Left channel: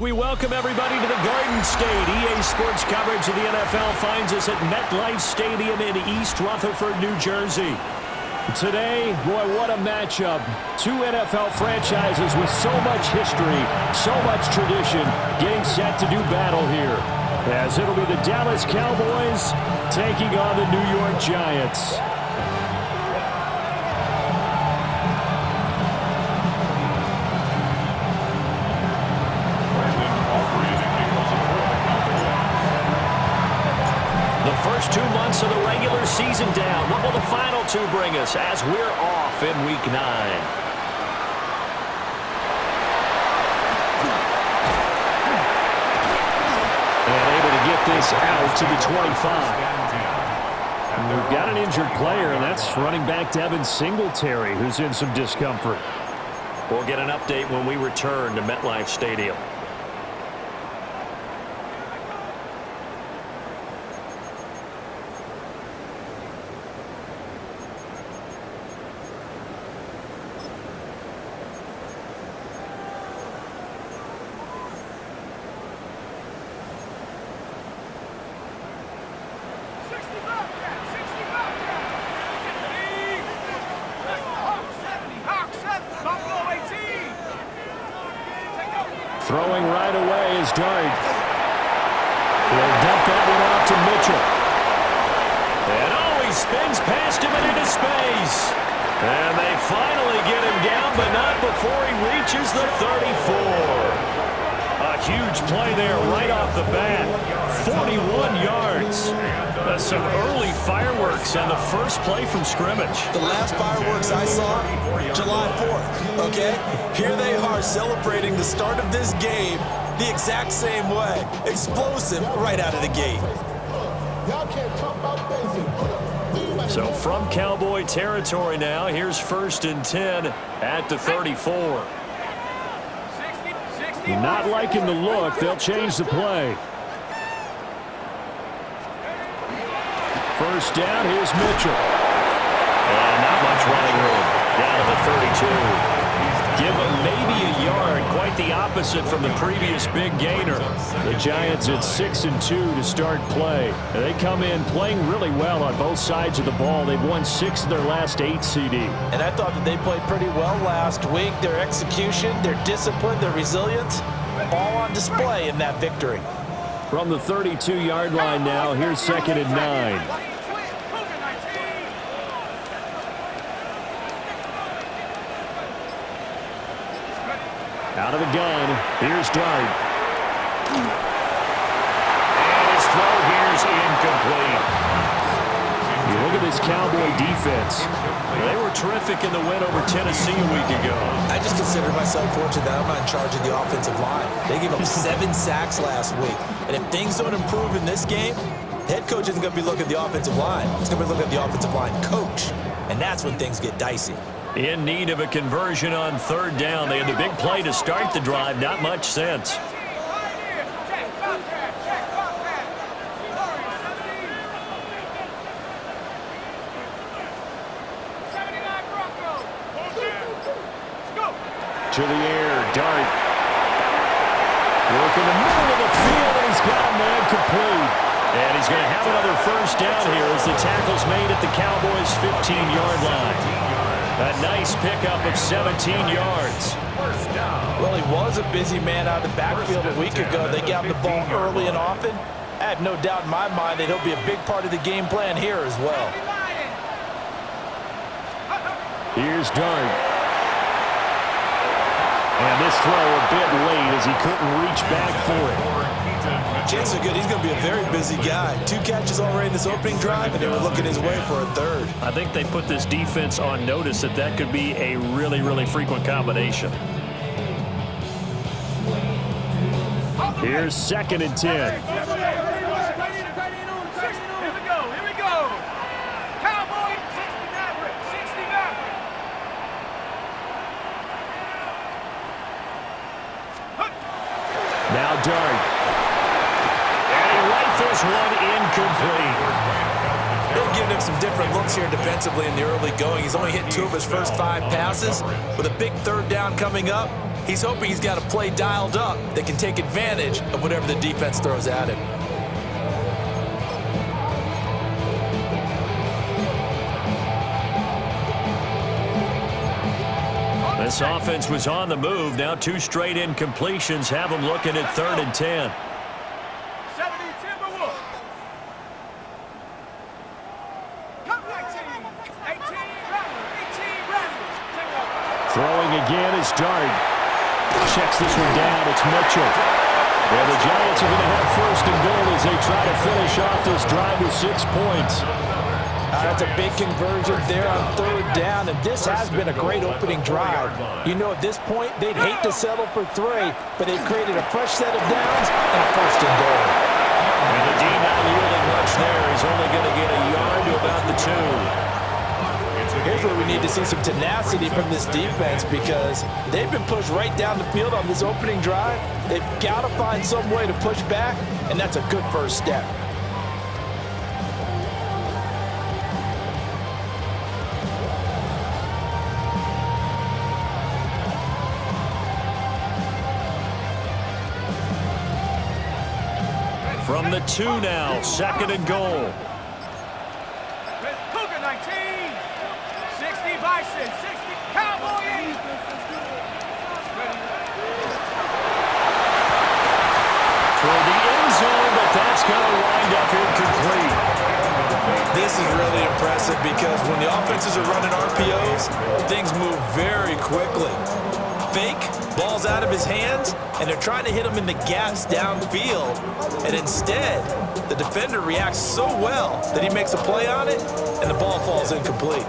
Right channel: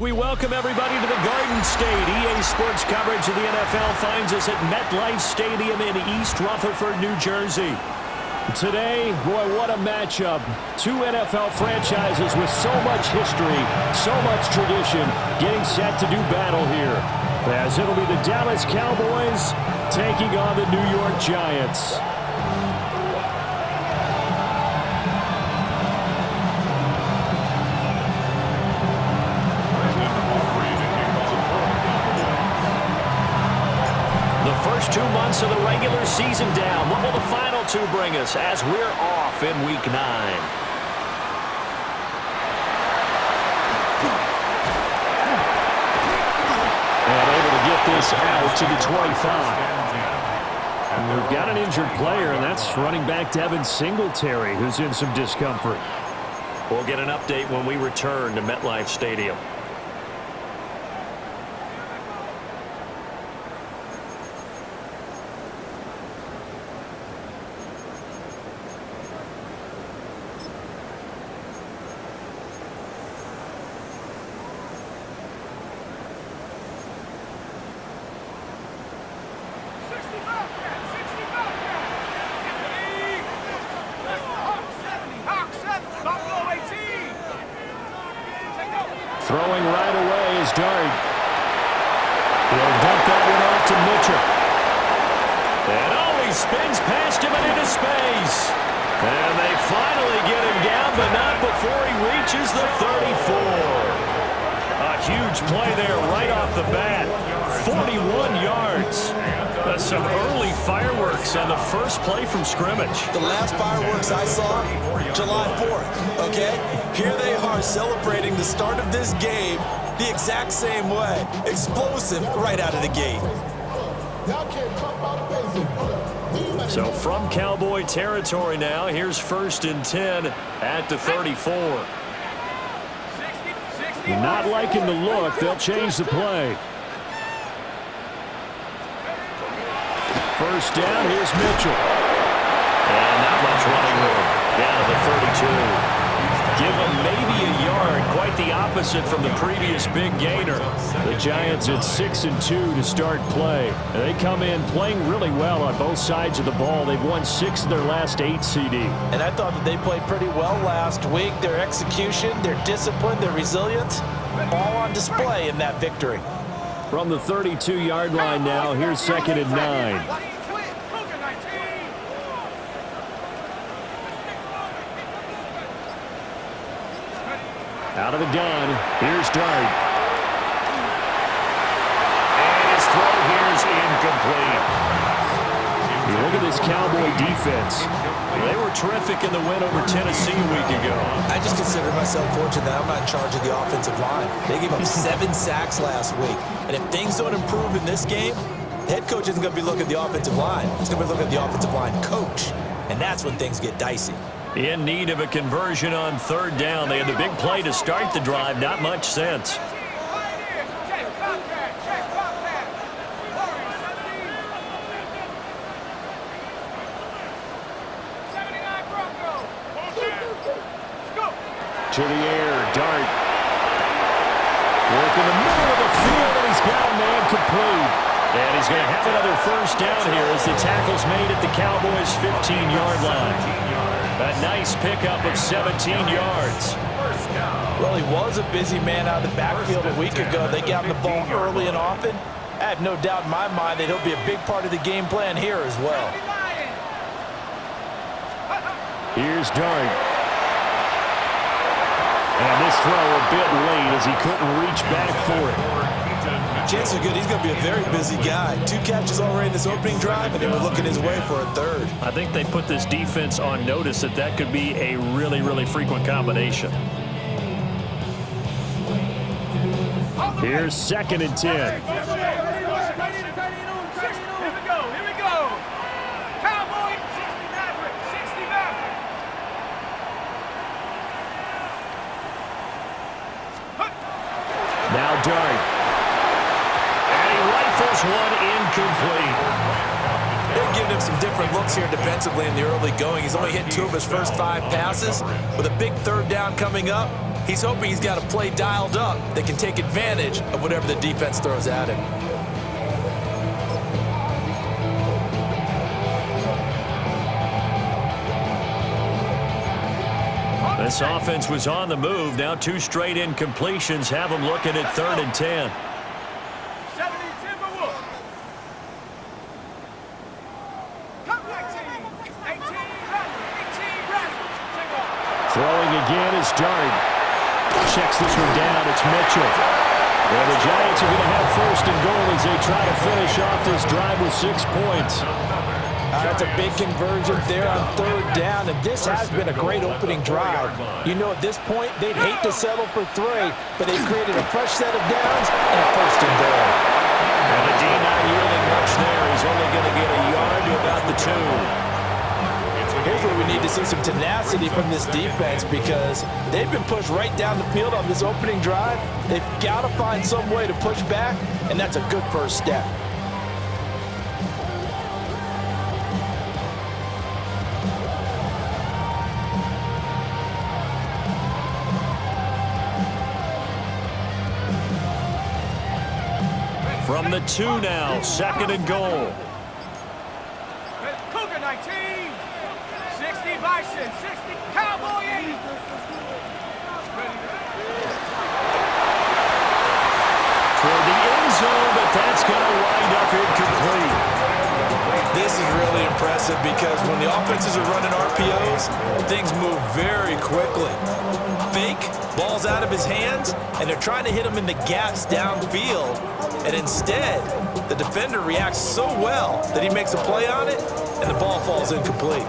We welcome everybody to the Garden State. EA Sports coverage of the NFL finds us at MetLife Stadium in East Rutherford, New Jersey. Today, boy, what a matchup. Two NFL franchises with so much history, so much tradition, getting set to do battle here. As it'll be the Dallas Cowboys taking on the New York Giants. The first 2 months of the regular season down. What will the final two bring us as we're off in Week 9? And able to get this out to the 25. We've got an injured player, and that's running back Devin Singletary, who's in some discomfort. We'll get an update when we return to MetLife Stadium. Throwing right away is Dart. He'll dump that one off to Mitchell. And he spins past him and into space. And they finally get him down, but not before he reaches the 34. A huge play there right off the bat. 41 yards. Some early fireworks on the first play from scrimmage. The last fireworks I saw, July 4th, okay? Here they are celebrating the start of this game the exact same way. Explosive right out of the gate. So from Cowboy territory now, here's 1st and 10 at the 34. Not liking the look. They'll change the play. First down, here's Mitchell. And not much running room. Down to the 32. Give him maybe a yard. Quite the opposite from the previous big gainer. The Giants at 6-2 to start play. They come in playing really well on both sides of the ball. They've won 6 of their last 8 CD. And I thought that they played pretty well last week. Their execution, their discipline, their resilience, all on display in that victory. From the 32-yard line now, here's 2nd and 9. Out of the gun, here's Dart. And his throw here's incomplete. You look at this Cowboy defense. They were terrific in the win over Tennessee a week ago. I just consider myself fortunate that I'm not in charge of the offensive line. They gave up 7 sacks last week. And if things don't improve in this game, the head coach isn't going to be looking at the offensive line. He's going to be looking at the offensive line coach. And that's when things get dicey. In need of a conversion on 3rd down. They had the big play to start the drive. Not much sense. To the air, Dart. Work in the middle of the field, and he's got a man complete. And he's going to have another first down here as the tackle's made at the Cowboys' 15-yard line. A nice pickup of 17 yards. Well, he was a busy man out of the backfield a week ago. They got him the ball early and often. I have no doubt in my mind that he'll be a big part of the game plan here as well. Here's Dart. And this throw a bit late as he couldn't reach back for it. Chances are good he's going to be a very busy guy. 2 catches already in this opening drive, and they were looking his way for a 3rd. I think they put this defense on notice that could be a really, really frequent combination. Here's 2nd and 10. Here we go. Cowboy, 60 Maverick. Now Dart. And he rifles one incomplete. They're giving him some different looks here defensively in the early going. He's only hit 2 of his first 5 passes. With a big 3rd down coming up, He's hoping he's got a play dialed up that can take advantage of whatever the defense throws at him. This offense was on the move. Now 2 straight incompletions have them looking at 3rd and 10. 70 Timberwolves. Come 19. 18 Raptors. Take over. Throwing again is Dart. Checks this one down. It's Mitchell. And the Giants are going to have 1st and goal as they try to finish off this drive with 6 points. That's a big conversion there on 3rd down, and this has been a great opening drive. You know, at this point, they'd hate to settle for 3, but they've created a fresh set of downs and a 1st and goal. And the D not yielding much there. He's only going to get a yard to about the 2. Here's where we need to see some tenacity from this defense because they've been pushed right down the field on this opening drive. They've got to find some way to push back, and that's a good first step. From the 2 now, 2nd and goal. Cougar 19. 60 Bison. 60 Cowboy 80. Toward the end zone, but that's going to wind up incomplete. This is really impressive because when the offenses are running RPOs, things move very quickly. Fake, ball's out of his hands, and they're trying to hit him in the gaps downfield. And instead, the defender reacts so well that he makes a play on it, and the ball falls incomplete.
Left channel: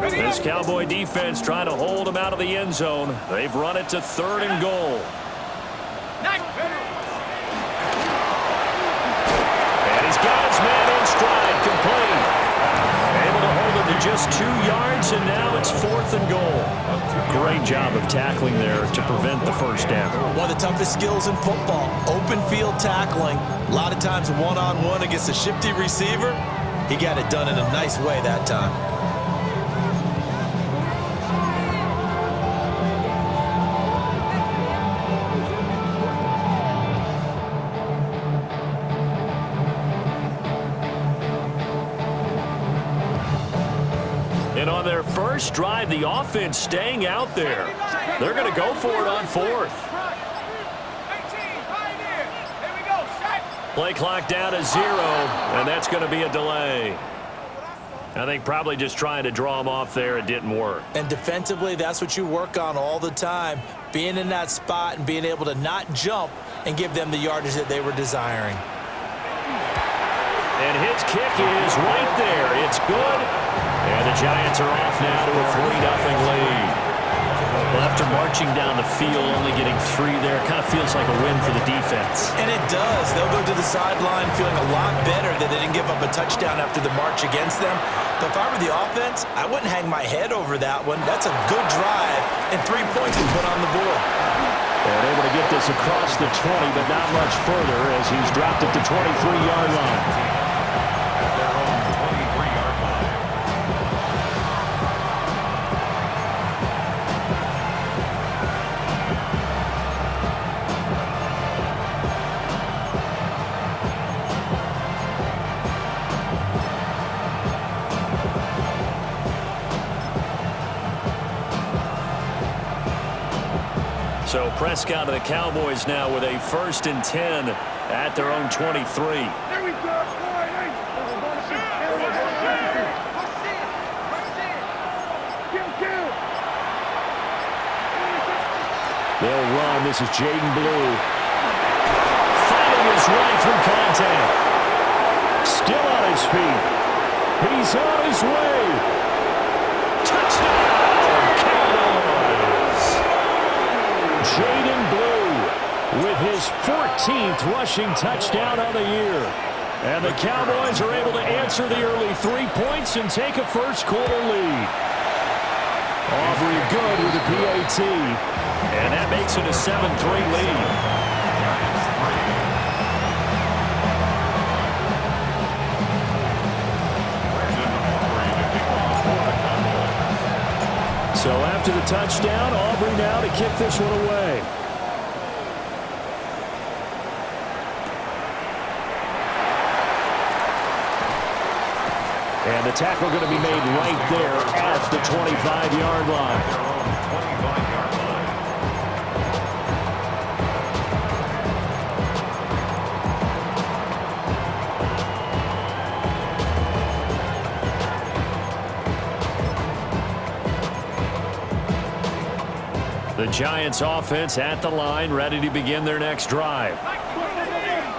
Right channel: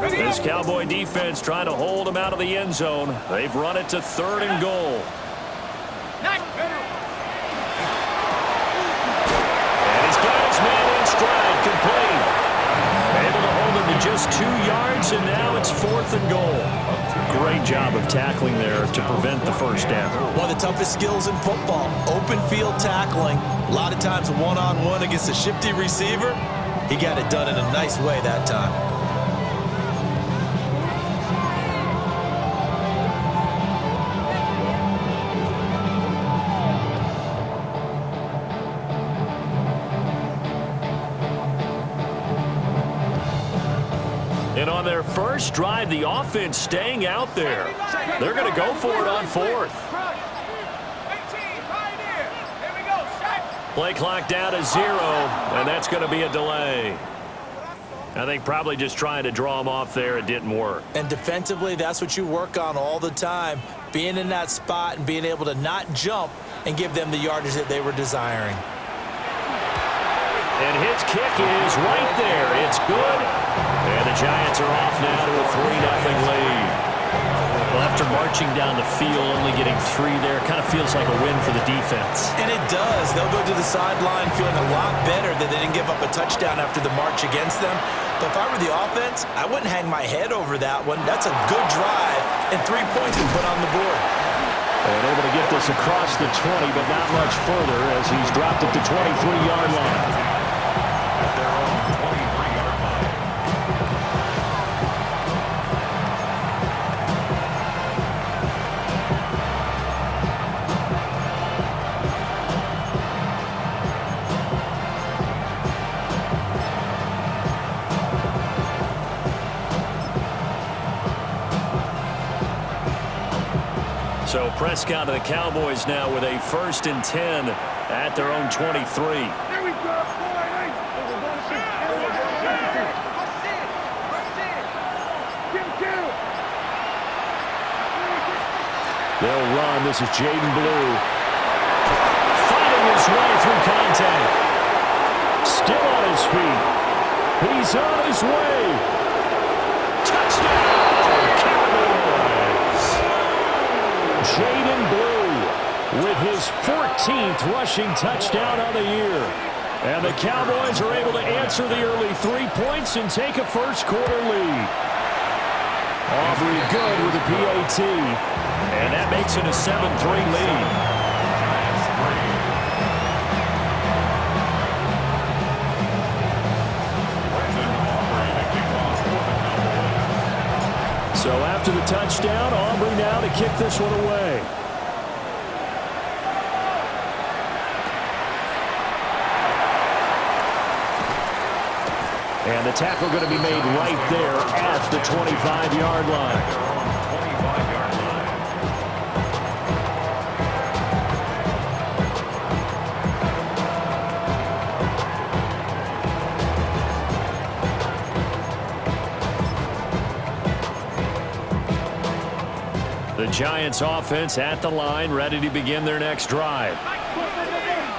This Cowboy defense trying to hold him out of the end zone. They've run it to 3rd and goal. And he's got his man in stride, complete. Able to hold him to just 2 yards, and now it's 4th and goal. Great job of tackling there to prevent the 1st down. One of the toughest skills in football, open field tackling. A lot of times one-on-one against a shifty receiver. He got it done in a nice way that time. And on their first drive, the offense staying out there. They're going to go for it on 4th. 18 Pioneer. Here we go. Sack. Play clock down to 0, and that's going to be a delay. I think probably just trying to draw him off there. It didn't work. And defensively, that's what you work on all the time. Being in that spot and being able to not jump and give them the yardage that they were desiring. And his kick is right there. It's good. And the Giants are off now to a 3-0 lead. Well, after marching down the field, only getting 3 there, kind of feels like a win for the defense. And it does. They'll go to the sideline feeling a lot better that they didn't give up a touchdown after the march against them. But if I were the offense, I wouldn't hang my head over that one. That's a good drive, and 3 points to put on the board. And able to get this across the 20, but not much further as he's dropped it to 23-yard line. At their own 23-yard line. So Prescott and the Cowboys now with a 1st and 10 at their own 23. Here we go. They'll run. This is Jaden Blue. Fighting his way through contact. Still on his feet. He's on his way. Touchdown, Cowboys. Jaden Blue with his 14th rushing touchdown on the year. And the Cowboys are able to answer the early 3 points and take a first-quarter lead. Aubrey good with a PAT. And that makes it a 7-3 lead. Giants 3. So after the touchdown, Aubrey now to kick this one away. And the tackle going to be made right there at the 25-yard line. At their own 25-yard line. The Giants offense at the line, ready to begin their next drive.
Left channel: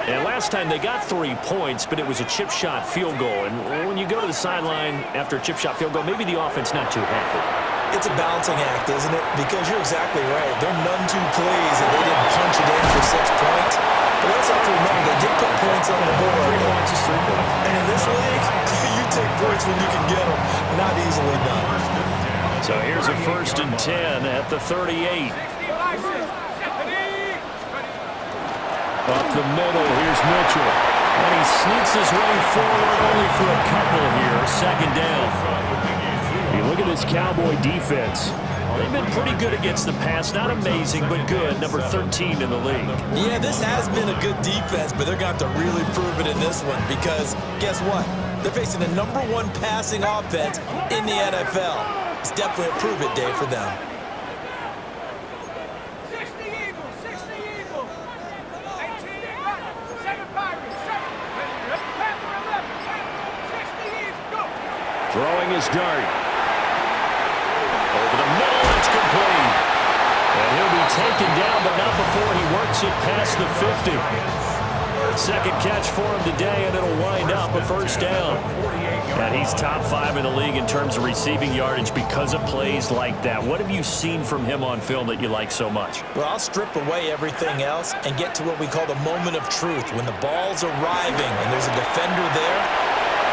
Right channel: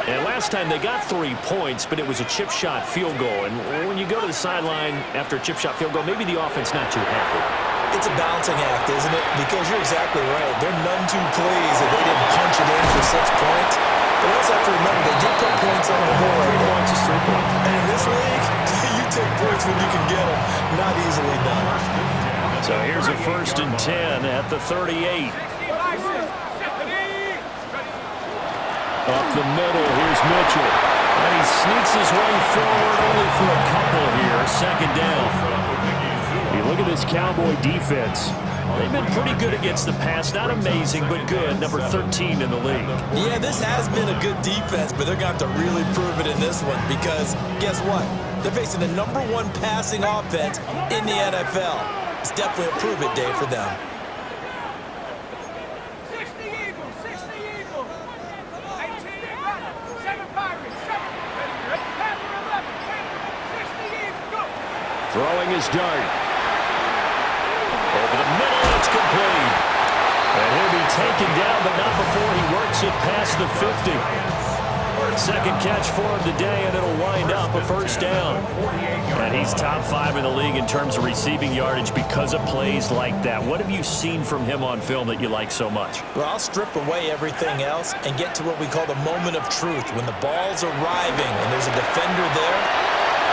And last time they got 3 points, but it was a chip shot field goal. And when you go to the sideline after a chip shot field goal, maybe the offense not too happy. It's a balancing act, isn't it? Because you're exactly right. They're none too pleased that they didn't punch it in for 6 points. But we also have to remember they did put points on the board. 3 points is 3 points. And in this league, you take points when you can get them. Not easily done. So here's a 1st and 10 at the 38. Up the middle, here's Mitchell. And he sneaks his way forward only for a couple here. 2nd down. You look at this Cowboy defense. They've been pretty good against the pass. Not amazing, but good. Number 13 in the league. Yeah, this has been a good defense, but they're going to have to really prove it in this one because guess what? They're facing the number 1 passing offense in the NFL. It's definitely a prove-it day for them. 60 Eagles, 60 Eagles. 18 Rattles, 7 Pirates, 7 Panther 11, Panther 60 Eagles, go. Throwing his dart. Over the middle, it's complete. And he'll be taken down, but not before he works it past the 50. 2nd catch for him today, and it'll wind up a 1st down. And he's top 5 in the league in terms of receiving yardage because of plays like that. What have you seen from him on film that you like so much? Well, I'll strip away everything else and get to what we call the moment of truth. When the ball's arriving and there's a defender there,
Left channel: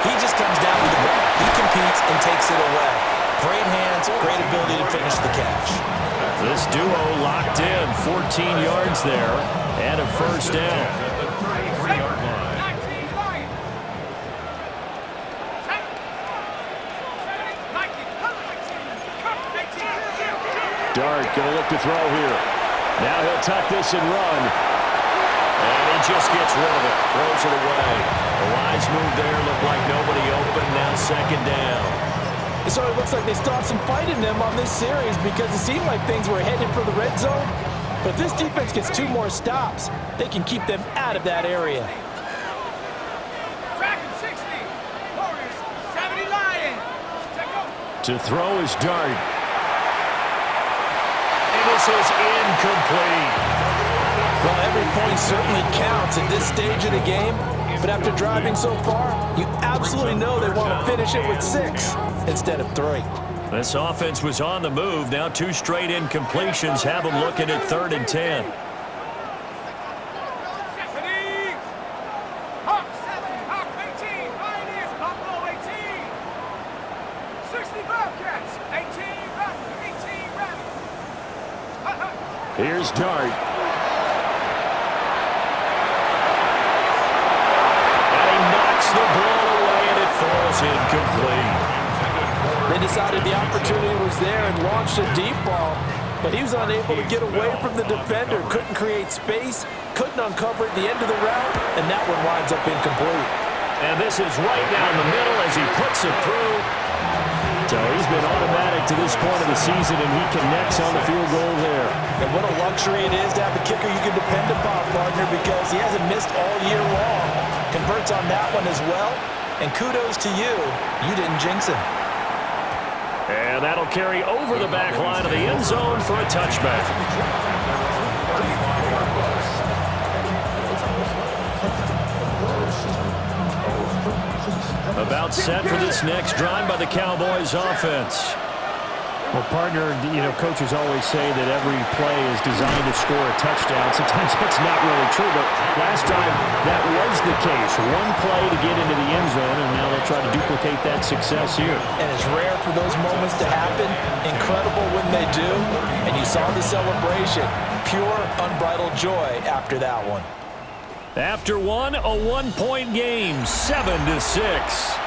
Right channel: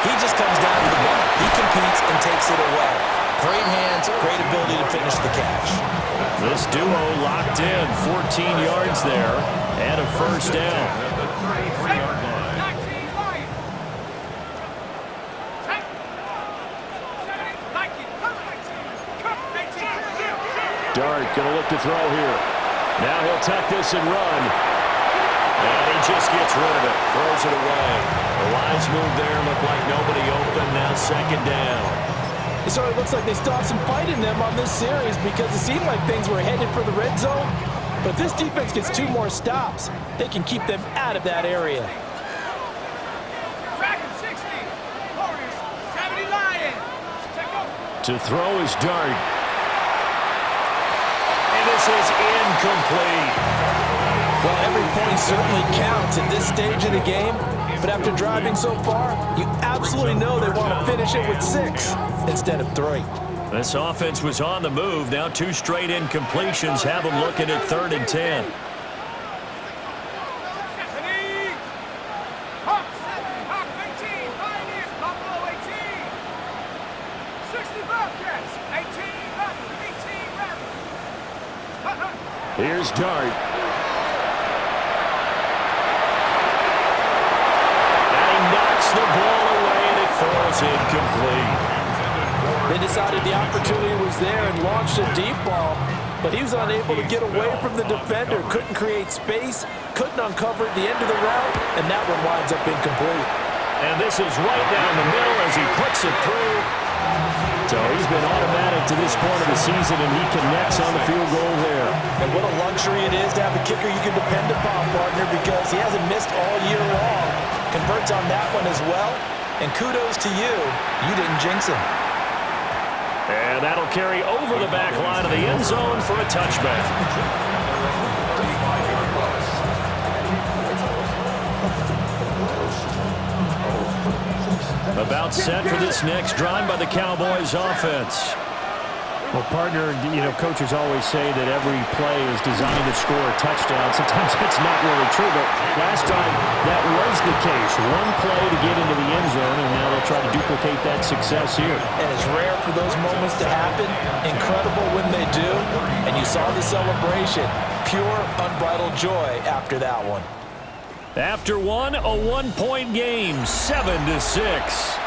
he just comes down with the ball. He competes and takes it away. Great hands, great ability to finish the catch. This duo locked in, 14 yards there, and a 1st down. At the 33-yard line. 19 Lions. 7 Vikings, 18. Dart going to look to throw here. Now he'll tuck this and run. And he just gets rid of it. Throws it away. A wise move there. Looked like nobody open. Now 2nd down. So it looks like they still have some fight in them on this series because it seemed like things were headed for the red zone. But this defense gets 2 more stops. They can keep them out of that area. Dragon 60. Warriors 70 Lions. Check go. To throw his dart. And this is incomplete. Well, every point certainly counts at this stage of the game. But after driving so far, you absolutely know they want to finish it with 6 instead of 3. This offense was on the move. Now 2 straight incompletions have them looking at 3rd and 10. Hawk 7, Hawk 18, Pioneers, Buffalo 18. 60 Bobcats, 18 Rattles, 18 Rattles. Here's Dart. And he knocks the ball away, and it falls incomplete. They decided the opportunity was there and launched a deep ball, but he was unable to get away from the defender, couldn't create space, couldn't uncover at the end of the route, and that one winds up incomplete. And this is right down the middle as he puts it through. So he's been automatic to this point of the season, and he connects on the field goal there. And what a luxury it is to have a kicker you can depend upon, partner, because he hasn't missed all year long. Converts on that one as well, and kudos to you. You didn't jinx him. And that'll carry over the back line of the end zone for a touchback. 35-yard bus. About set for this next drive by the Cowboys offense. Well, partner, you know, coaches always say that every play is designed to score a touchdown. Sometimes that's not really true, but last drive that was the case. One play to get into the end zone, and now they'll try to duplicate that success here. And it's rare for those moments to happen. Incredible when they do. And you saw the celebration. Pure, unbridled joy after that one. After one, a one-point game, 7-6.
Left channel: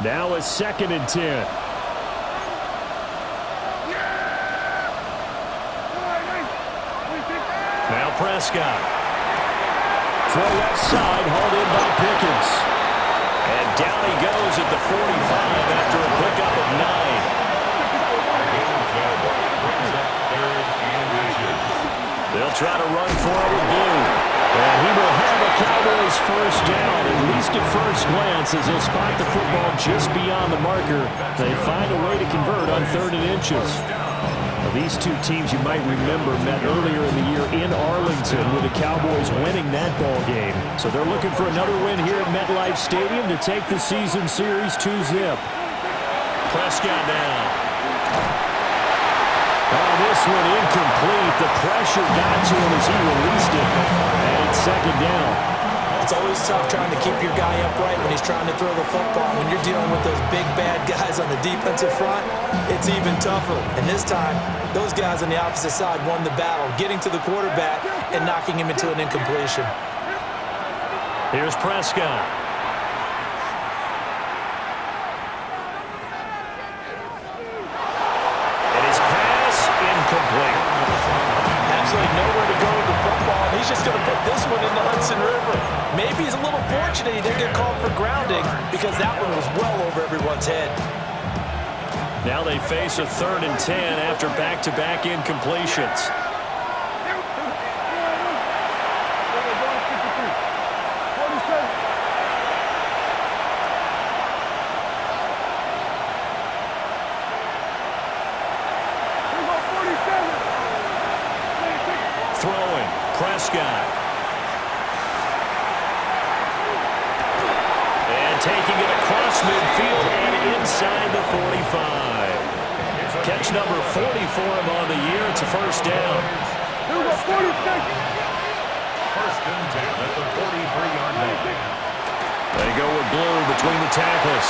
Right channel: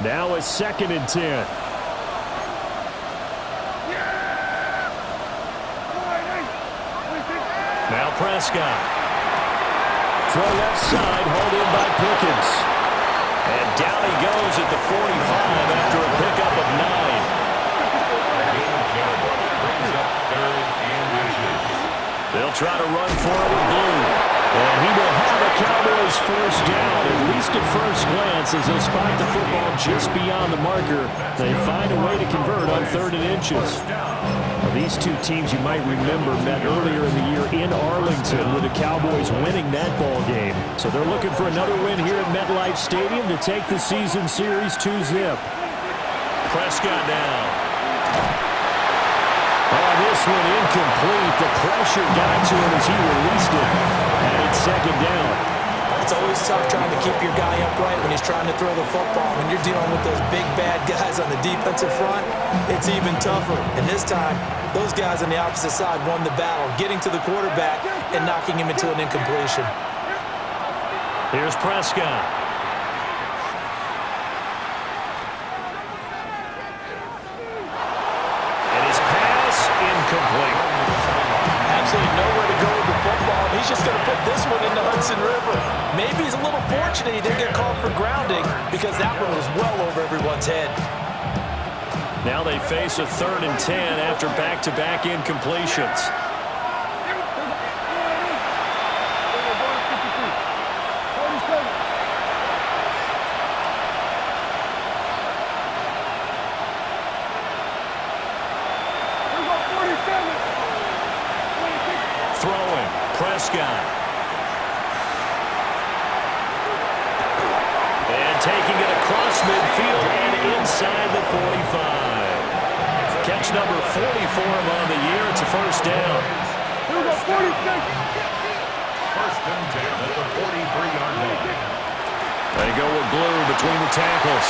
Now a 2nd and 10. Now Prescott. Throw left side, hauled in by Pickens. And down he goes at the 45 after a pickup of 9. They'll try to run for it with Blue. And he will have a Cowboys first down, at least at first glance, as he'll spot the football just beyond the marker. They find a way to convert on 3rd and inches. Now, these two teams, you might remember, met earlier in the year in Arlington with the Cowboys winning that ball game. So they're looking for another win here at MetLife Stadium to take the season series 2-zip. Prescott now. Oh, this one incomplete. The pressure got to him as he released it. And it's 2nd down. It's always tough trying to keep your guy upright when he's trying to throw the football. When you're dealing with those big, bad guys on the defensive front, it's even tougher. And this time, those guys on the opposite side won the battle, getting to the quarterback and knocking him into an incompletion. Here's Prescott. And his pass incomplete. Absolutely nowhere to go with the football, and he's just going to put this one in the Hudson River. Maybe he's a little fortunate he didn't get called for grounding because that one was well over everyone's head. Now they face a 3rd and 10 after back-to-back incompletions. Throwing, Prescott. And taking it across midfield and inside the 45. Catch number 40 for him on the year. It's a first down. First and 10 at the 43-yard line. They go with Blue between the tackles.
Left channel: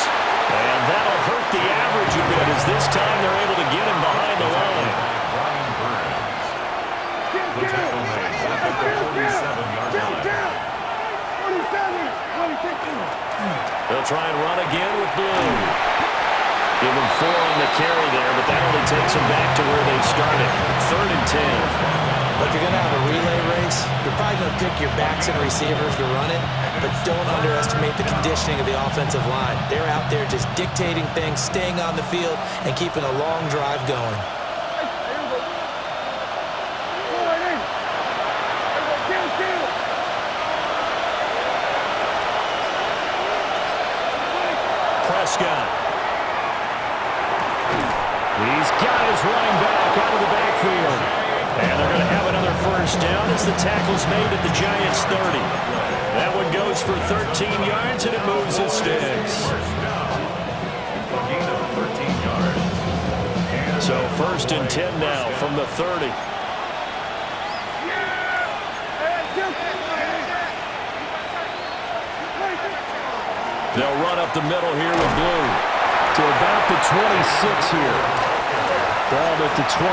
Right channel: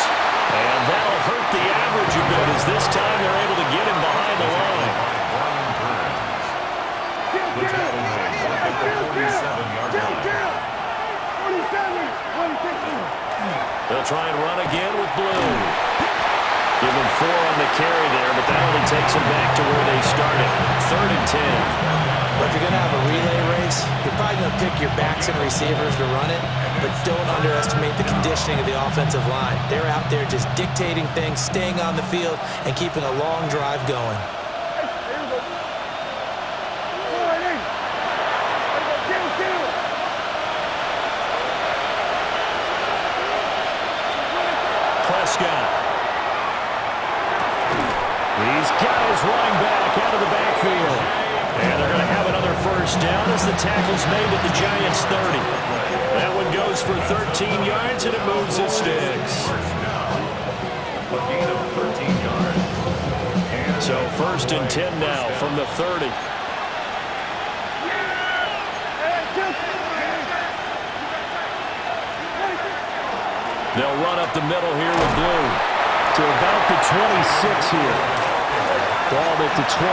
And that'll hurt the average a bit as this time they're able to get him behind the line. Brian Burns. The tackle made at the 47-yard line. They'll try and run again with Blue. Give them 4 on the carry there, but that only takes them back to where they started. 3rd and 10. Well, if you're going to have a relay race, you're probably going to pick your backs and receivers to run it, but don't underestimate the conditioning of the offensive line. They're out there just dictating things, staying on the field, and keeping a long drive going. Prescott. He's got his running back out of the backfield. And they're going to have another first down as the tackle's made at the Giants' 30. That one goes for 13 yards, and it moves his sticks. A gain of 13 yards. So 1st and 10 now from the 30. They'll run up the middle here with Blue to about the 26 here. Ball at the 26,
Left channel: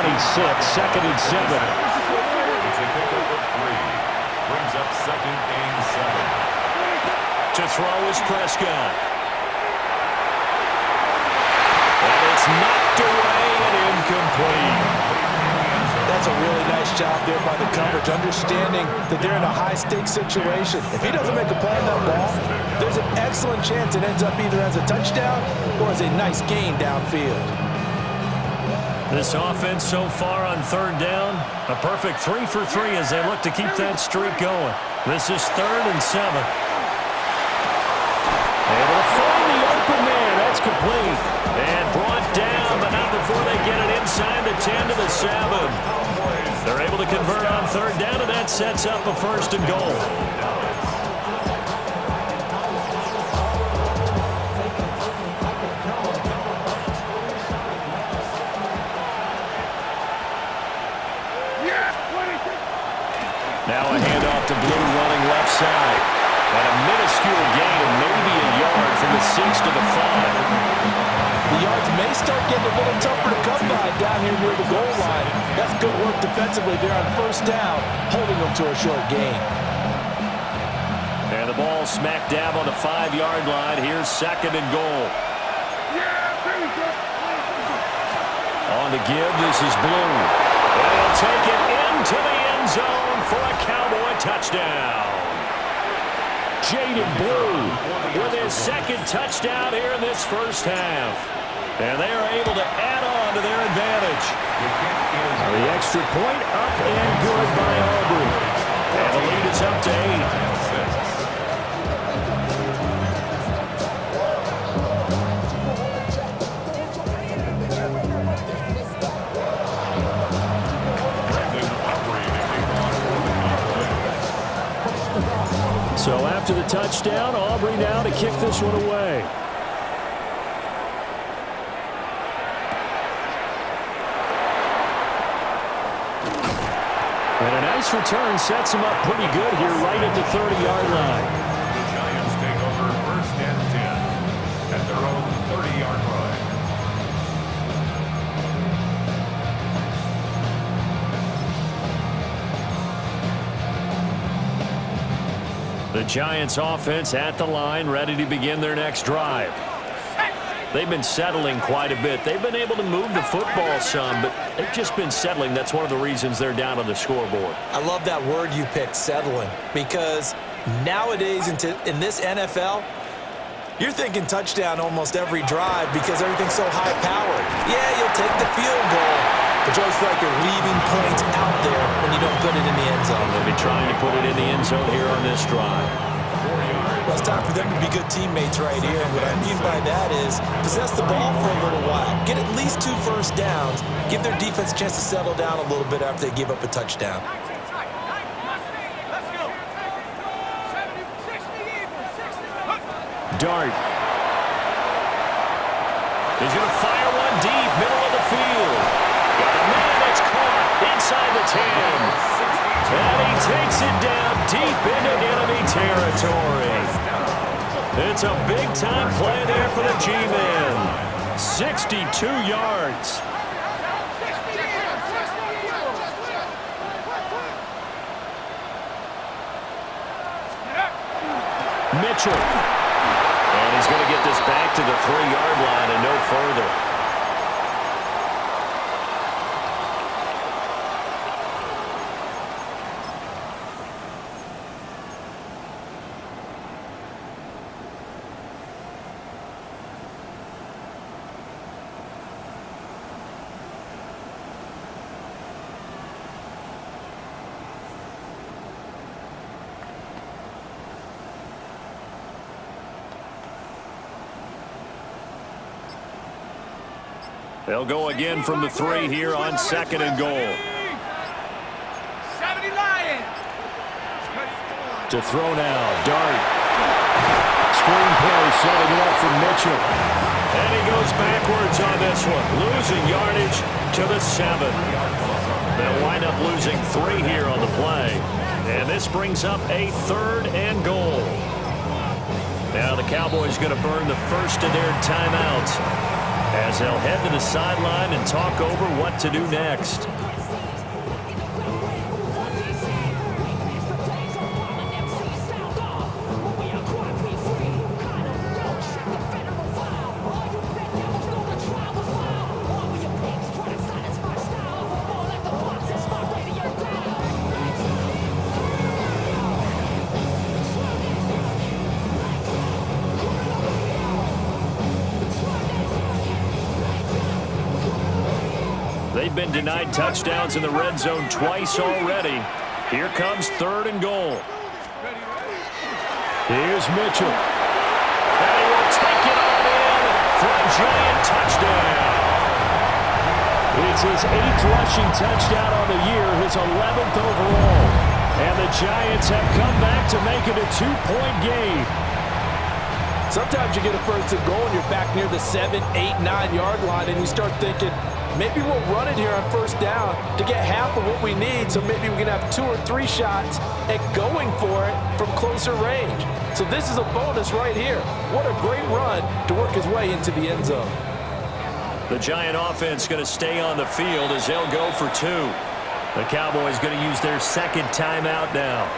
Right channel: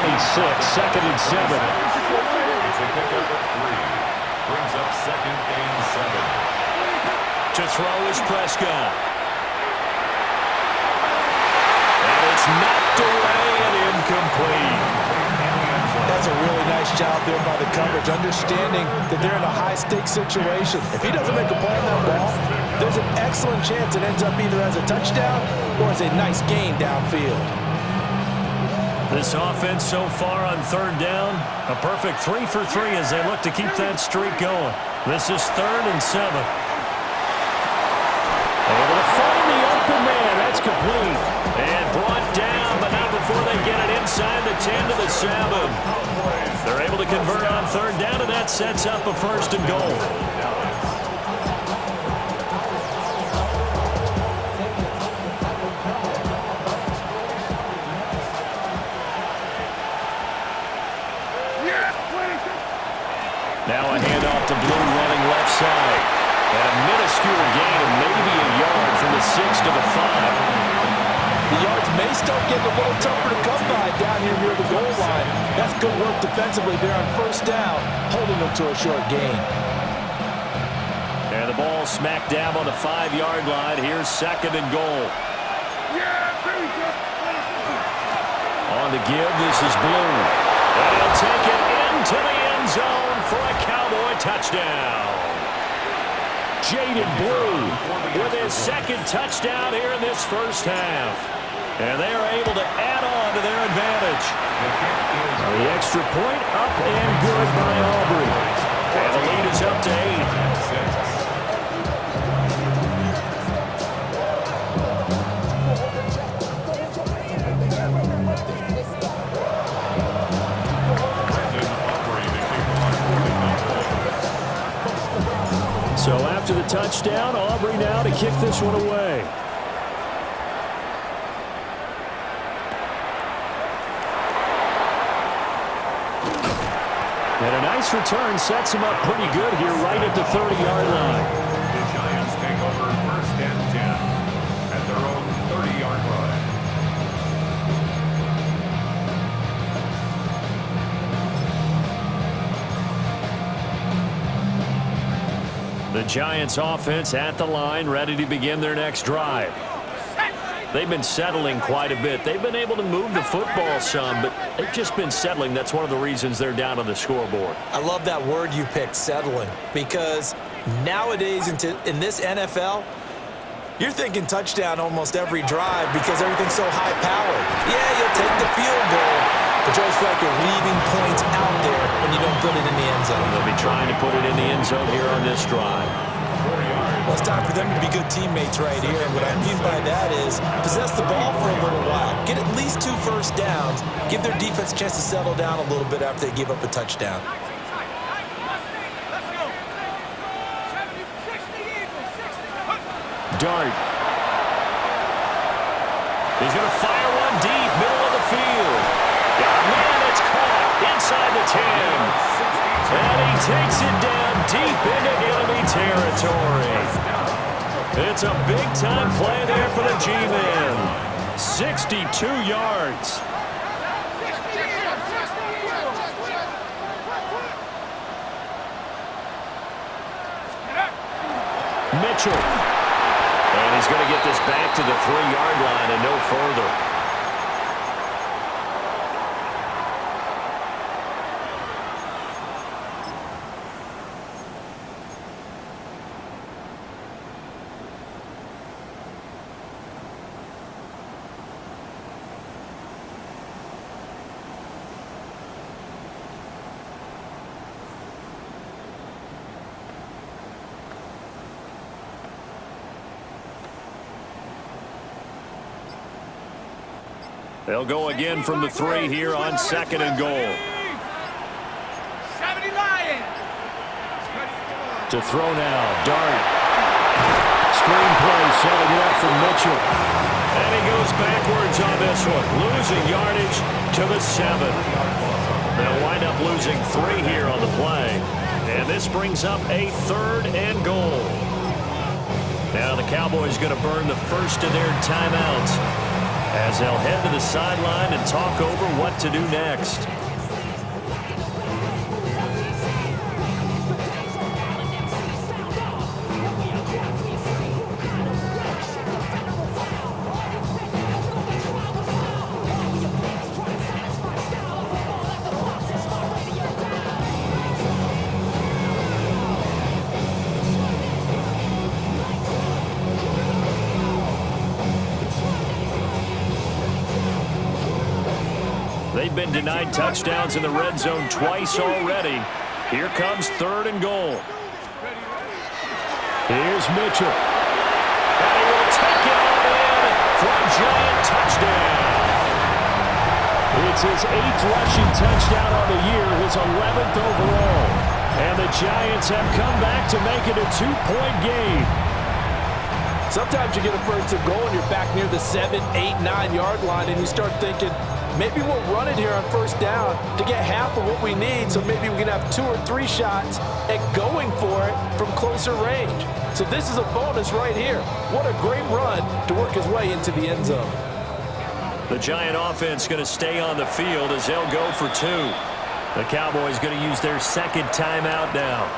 2nd and 7. It's a pickup of 3. Brings up 2nd and 7. To throw is Prescott. And it's knocked away and incomplete. That's a really nice job there by the coverage, understanding that they're in a high-stakes situation. If he doesn't make a play on that ball, there's an excellent chance it ends up either as a touchdown or as a nice gain downfield. This offense so far on 3rd down, a perfect 3 for 3 as they look to keep that streak going. This is 3rd and 7. Able to find the open man. That's complete. And brought down, but not before they get it inside the 10 to the 7. They're able to convert on 3rd down, and that sets up a 1st and goal. Now a handoff to Blue running left side. And a minuscule gain of maybe a yard from the 6 to the 5. The yards may start getting a little tougher to come by down here near the goal line. That's good work defensively there on 1st down, holding them to a short gain. And the ball smack dab on the 5-yard line. Here's 2nd and goal. On the give, this is Blue. And he'll take it into the end zone for a Cowboy touchdown. Jaden Blue with his second touchdown here in this first half. And they are able to add on to their advantage. The extra point up and good by Aubrey. And the lead is up to 8. So after the touchdown, Aubrey now to kick this one away. And a nice return sets him up pretty good here right at the 30-yard line. The Giants take over 1st and 10 at their own 30-yard line. The Giants offense at the line, ready to begin their next drive. They've been settling quite a bit. They've been able to move the football some, but they've just been settling. That's one of the reasons they're down on the scoreboard. I love that word you picked, settling, because nowadays in this NFL, you're thinking touchdown almost every drive because everything's so high-powered. Yeah, you'll take the field goal, but you always feel like you're leaving points out there when you don't put it in the end zone. They'll be trying to put it in the end zone here on this drive. Well, it's time for them to be good teammates right here. And what I mean by that is possess the ball for a little while. Get at least 2 first downs. Give their defense a chance to settle down a little bit after they give up a touchdown. Dart. He's going to fire one deep, middle of the field. Got a man that's caught inside the 10. And he takes it down deep into enemy territory. It's a big-time play there for the G-Men. 62 yards. Mitchell. And he's going to get this back to the 3-yard line and no further. They'll go again from the 3 here on 2nd and goal. 70 Lions. To throw now, Dart. Screenplay setting it up for Mitchell. And he goes backwards on this one, losing yardage to the 7. They'll wind up losing 3 here on the play. And this brings up a 3rd and goal. Now the Cowboys going to burn the first of their timeouts, as they'll head to the sideline and talk over what to do next. They've been denied touchdowns in the red zone twice already. Here comes 3rd and goal. Here's Mitchell. And he will take it on in for a Giant touchdown. It's his 8th rushing touchdown on the year, his 11th overall. And the Giants have come back to make it a 2-point game. Sometimes you get a 1st and goal and you're back near the 7, 8, 9-yard line, and you start thinking, maybe we'll run it here on 1st down to get half of what we need, so maybe we can have 2 or 3 shots at going for it from closer range. So this is a bonus right here. What a great run to work his way into the end zone. The Giant offense going to stay on the field as they'll go for 2. The Cowboys going to use their 2nd timeout now,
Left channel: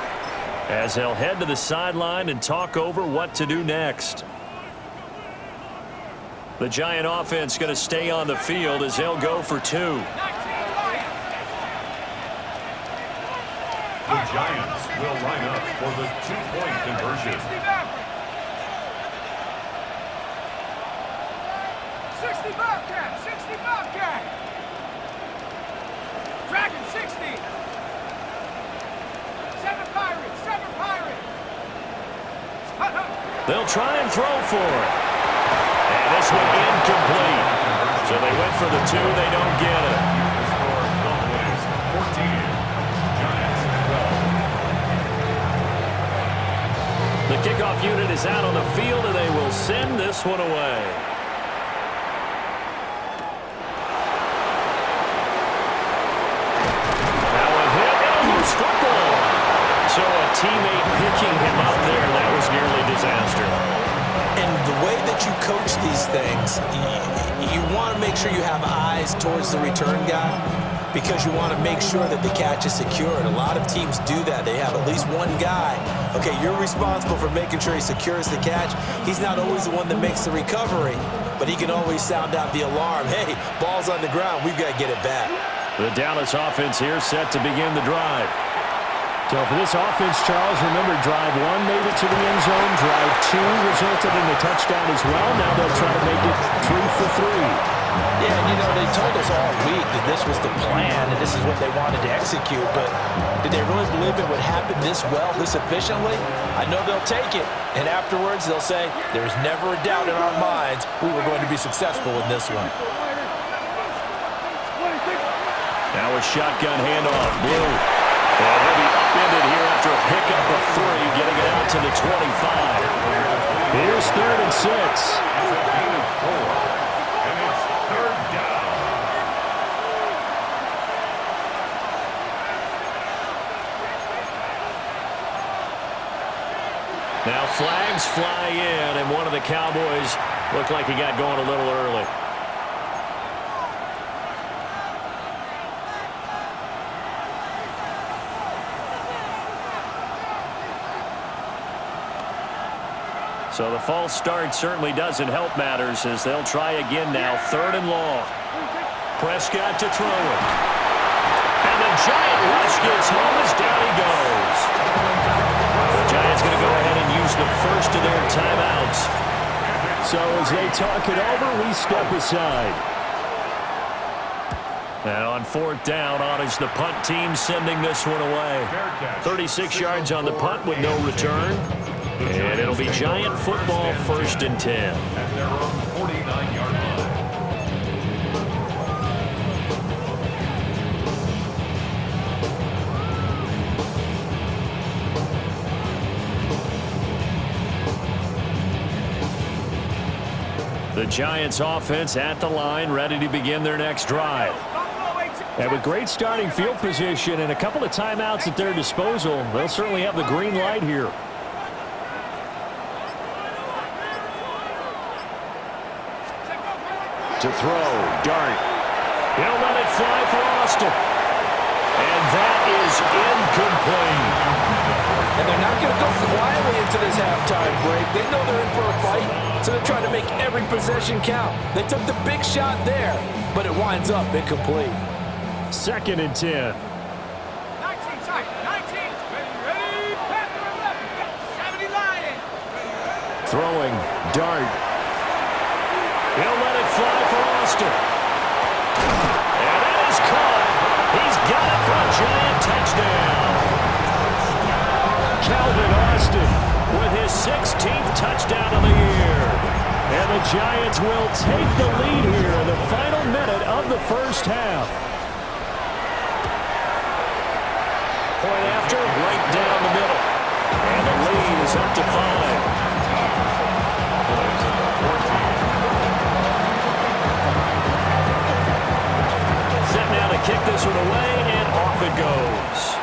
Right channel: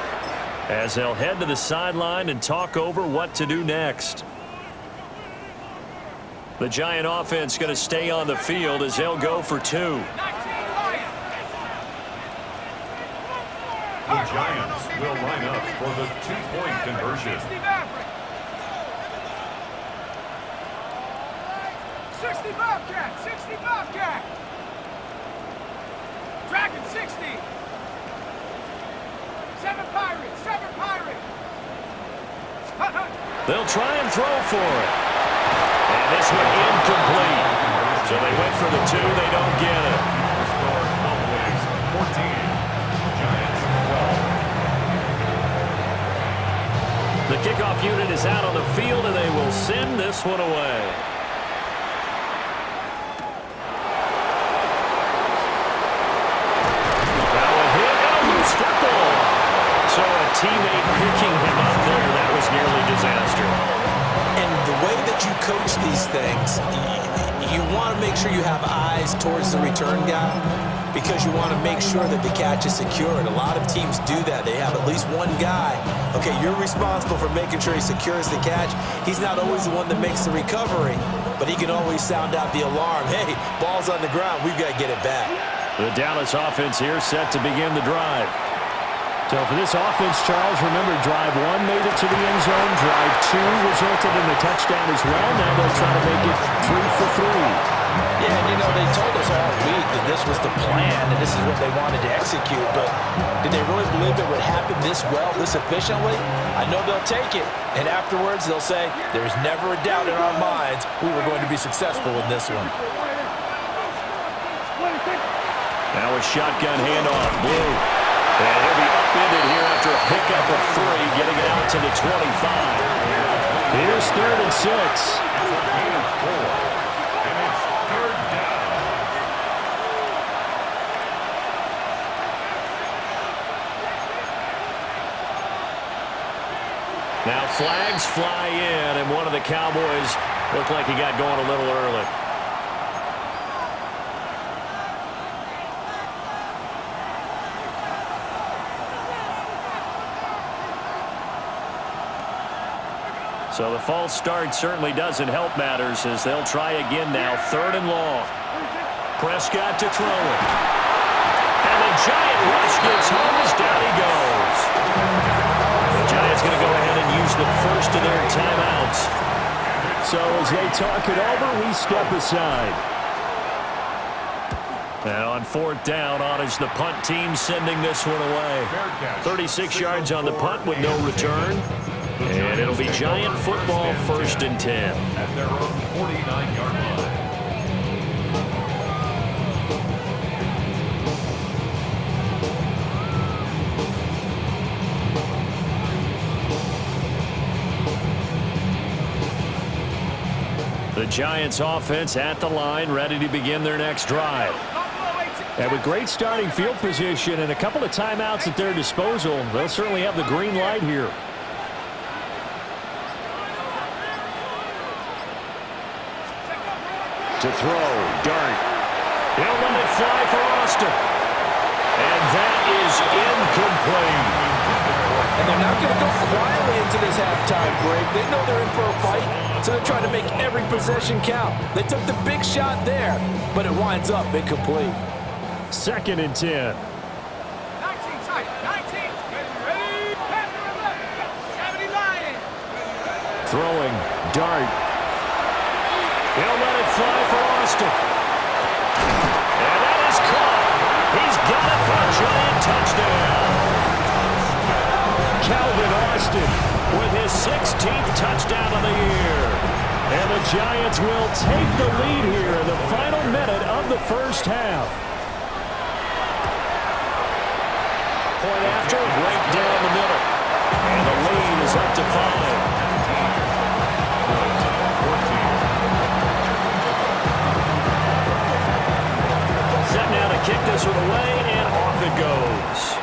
as they'll head to the sideline and talk over what to do next. The Giant offense going to stay on the field as they'll go for 2. 19 Lions. The Giants will line up for the 2-point conversion. 60 Maverick. 60 Bobcat. 60 Bobcat. Dragon 60. 7 Pirates. 7 Pirates. They'll try and throw for it. And this one incomplete. So they went for the 2. They don't get it. The score, Cowboys 14, Giants 12. The kickoff unit is out on the field, and they will send this one away. Now a hit and a loose football. So a teammate picking him up there, that was nearly disaster. And the way that you coach these things, you want to make sure you have eyes towards the return guy because you want to make sure that the catch is secured. A lot of teams do that. They have at least one guy. Okay, you're responsible for making sure he secures the catch. He's not always the one that makes the recovery, but he can always sound out the alarm. Hey, ball's on the ground. We've got to get it back. The Dallas offense here set to begin the drive. So for this offense, Charles, remember, drive 1 made it to the end zone. Drive 2 resulted in a touchdown as well. Now they'll try to make it 3 for 3. Yeah, and you know, they told us all week that this was the plan and this is what they wanted to execute, but did they really believe it would happen this well, this efficiently? I know they'll take it, and afterwards they'll say, there's never a doubt in our minds we were going to be successful in this one. Now a shotgun handoff, Blue. And he'll be upended here after a pickup of 3, getting it out to the 25. Here's 3rd and 6. It's a gain of 4, and it's 3rd down. Now flags fly in, and one of the Cowboys looked like he got going a little early. So the false start certainly doesn't help matters as they'll try again now. 3rd and long. Prescott to throw it. And the Giant rush gets home as down he goes. The Giants going to go ahead and use the first of their timeouts. So as they talk it over, we step aside. And on 4th down, on is the punt team sending this one away. 36 yards on the punt with no return. And it'll be Giant football, 1st and 10. At their own 49-yard line. The Giants offense at the line, ready to begin their next drive. And with great starting field position and a couple of timeouts at their disposal, they'll certainly have the green light here. To throw, Dart. He'll let it fly for Austin. And that is incomplete. And they're not going to go quietly into this halftime break. They know they're in for a fight, so they're trying to make every possession count. They took the big shot there, but it winds up incomplete. 2nd and 10. 19 tight. 19. Ready. Panther 11. 70 Lions. Throwing, Dart. He'll let it fly for Austin. And that is caught. He's got it for a Giant touchdown. Calvin Austin with his 16th touchdown of the year. And the Giants will take the lead here in the final minute of the first half. Point after, right down the middle. And the lead is up to 5. Set now to kick this one away, and off it goes.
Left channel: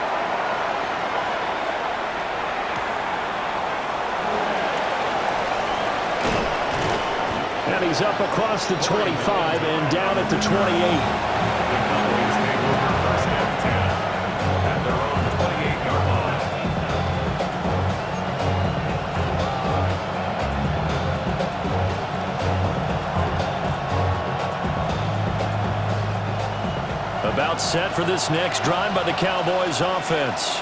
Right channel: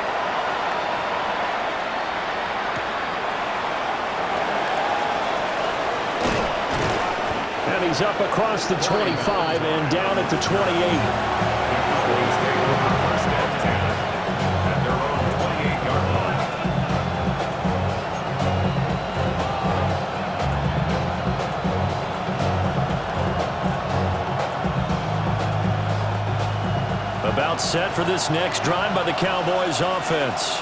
And he's up across the 25 and down at the 28. The Cowboys take over 1st and 10 at their own 28-yard line. timeout set for this next drive by the Cowboys offense.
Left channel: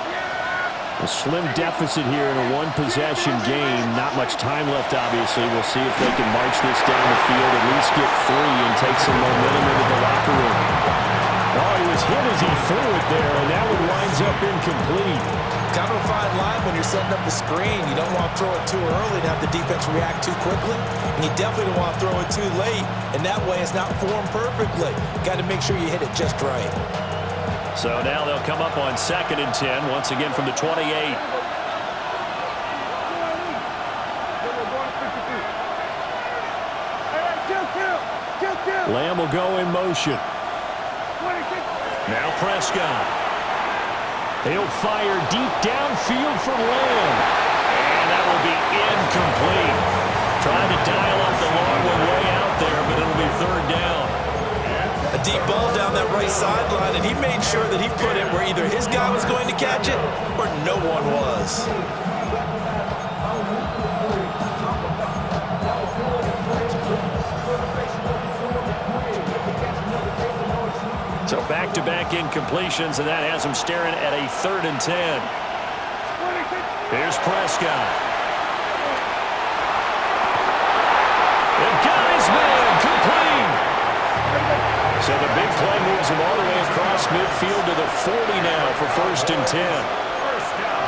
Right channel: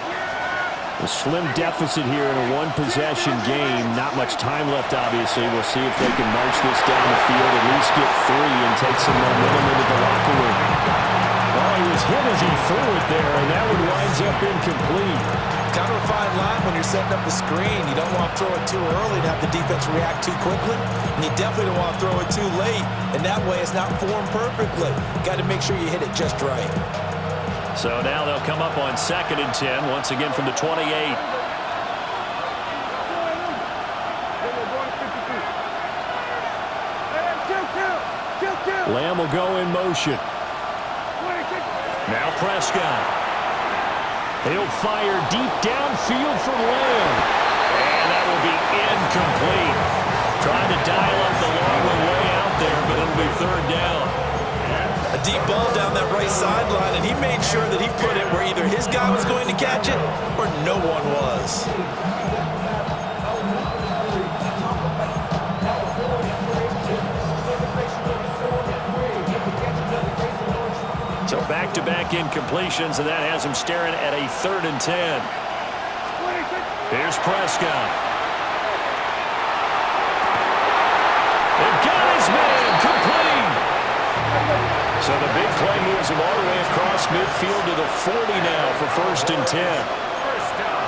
A slim deficit here in a one-possession game. Not much time left, obviously. We'll see if they can march this down the field, at least get 3 and take some momentum into the locker room. Oh, he was hit as he threw it there, and that one winds up incomplete. Kind of a fine line when you're setting up the screen. You don't want to throw it too early and have the defense react too quickly. And you definitely don't want to throw it too late. And that way it's not formed perfectly. Got to make sure you hit it just right. So now they'll come up on 2nd and 10, once again from the 28. Lamb will go in motion. Now Prescott. He'll fire deep downfield for Lamb. And that will be incomplete. Trying to dial up the long one way out there, but it'll be 3rd down. A deep ball down that right sideline, and he made sure that he put it where either his guy was going to catch it or no one was. So back-to-back incompletions, and that has him staring at a 3rd and 10. Here's Prescott. They've got his man complete. So the big play moves him all the way across midfield to the 40 now for 1st and 10. First down.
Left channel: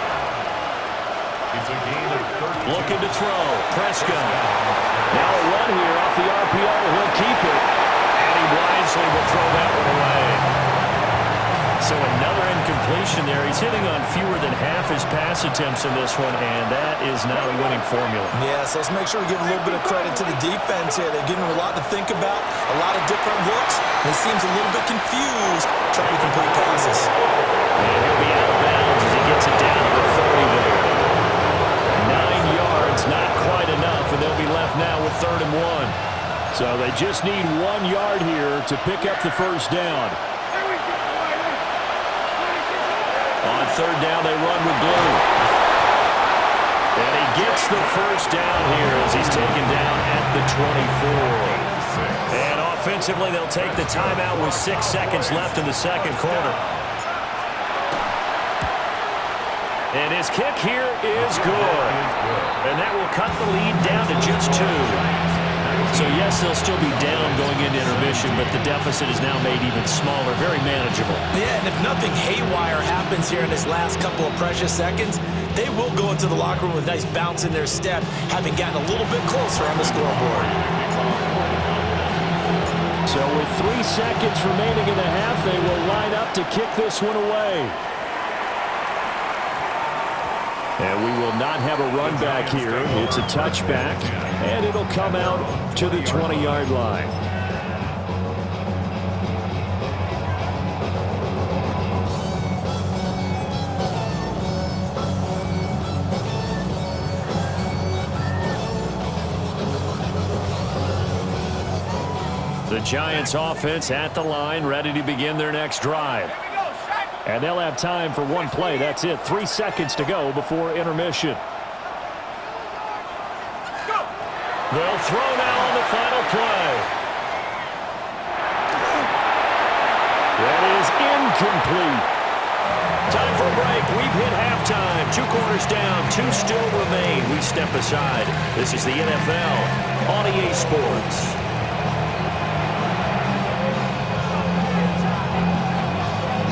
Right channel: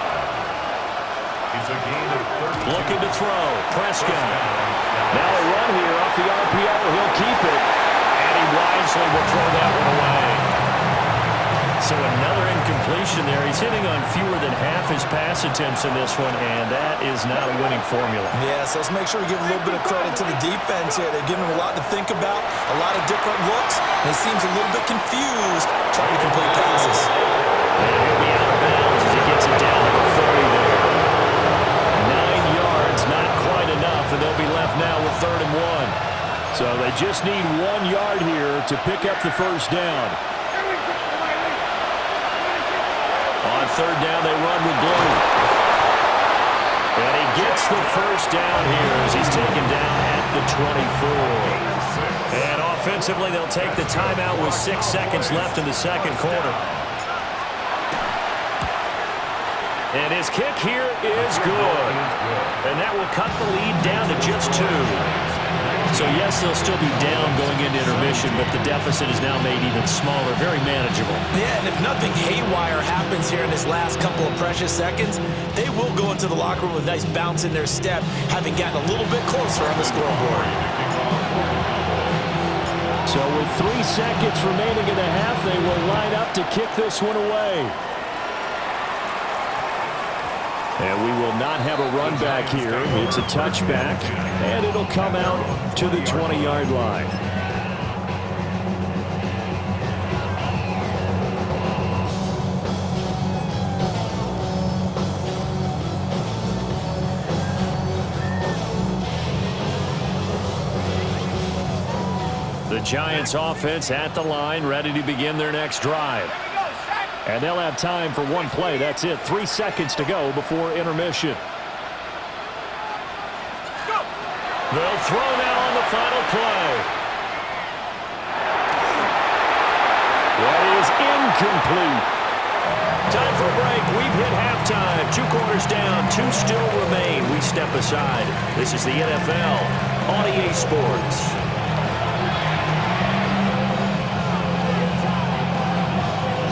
It's a gain of 13. Looking to throw. Prescott. Now a run here off the RPO. He'll keep it. And he wisely will throw that one away. So another incompletion there. He's hitting on fewer than half his pass attempts in this one, and that is not a winning formula. Yeah, so let's make sure we give a little bit of credit to the defense here. They're giving him a lot to think about, a lot of different looks, and he seems a little bit confused trying to complete passes. And he'll be out of bounds as he gets it down to the 30 there. 9 yards, not quite enough, and they'll be left now with 3rd and 1. So they just need 1 yard here to pick up the 1st down. On 3rd down, they run with Blue. And he gets the 1st down here as he's taken down at the 24. And offensively, they'll take the timeout with 6 seconds left in the 2nd quarter. And his kick here is good. And that will cut the lead down to just 2. So, yes, they'll still be down going into intermission, but the deficit is now made even smaller, very manageable. Yeah, and if nothing haywire happens here in his last couple of precious seconds, they will go into the locker room with a nice bounce in their step, having gotten a little bit closer on the scoreboard. So with 3 seconds remaining in the half, they will line up to kick this one away. And we will not have a run back here. It's a touchback, and it'll come out to the 20-yard line. The Giants offense at the line, ready to begin their next drive. And they'll have time for 1 play. That's it. 3 seconds to go before intermission. They'll throw now on the final play. That is incomplete. Time for a break. We've hit halftime. 2 quarters down. 2 still remain. We step aside. This is the NFL on EA Sports.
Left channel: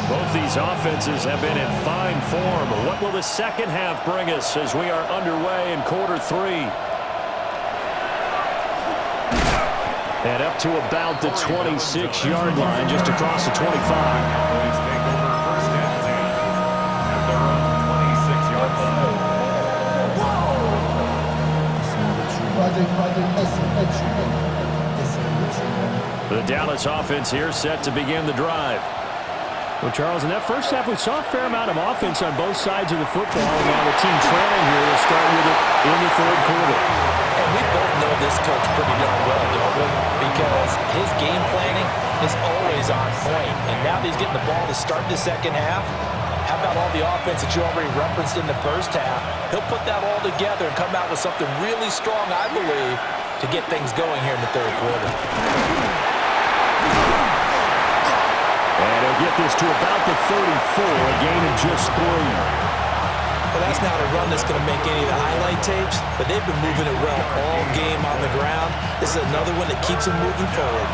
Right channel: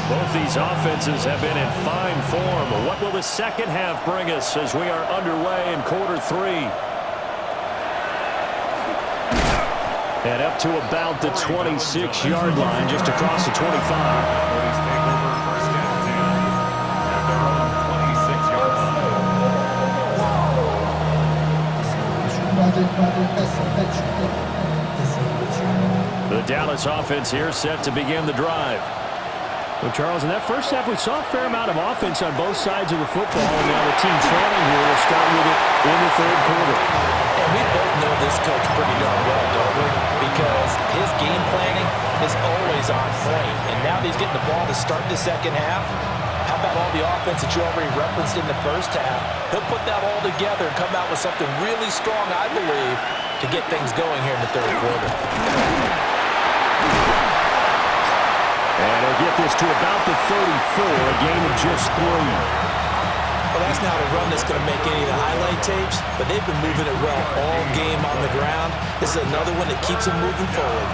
Both these offenses have been in fine form. What will the second half bring us as we are underway in quarter 3? And up to about the 26-yard line, just across the 25. Cowboys take over 1st and 10 at their own 26-yard line. The Dallas offense here set to begin the drive. Well, Charles, in that first half, we saw a fair amount of offense on both sides of the football, and now the team trailing here will start with it in the 3rd quarter. And we both know this coach pretty darn well, don't we? Because his game planning is always on point. And now that he's getting the ball to start the second half, how about all the offense that you already referenced in the first half? He'll put that all together and come out with something really strong, I believe, to get things going here in the 3rd quarter. And he'll get this to about the 34, a gain of just 3. Well, that's not a run that's going to make any of the highlight tapes, but they've been moving it well all game on the ground. This is another one that keeps them moving forward.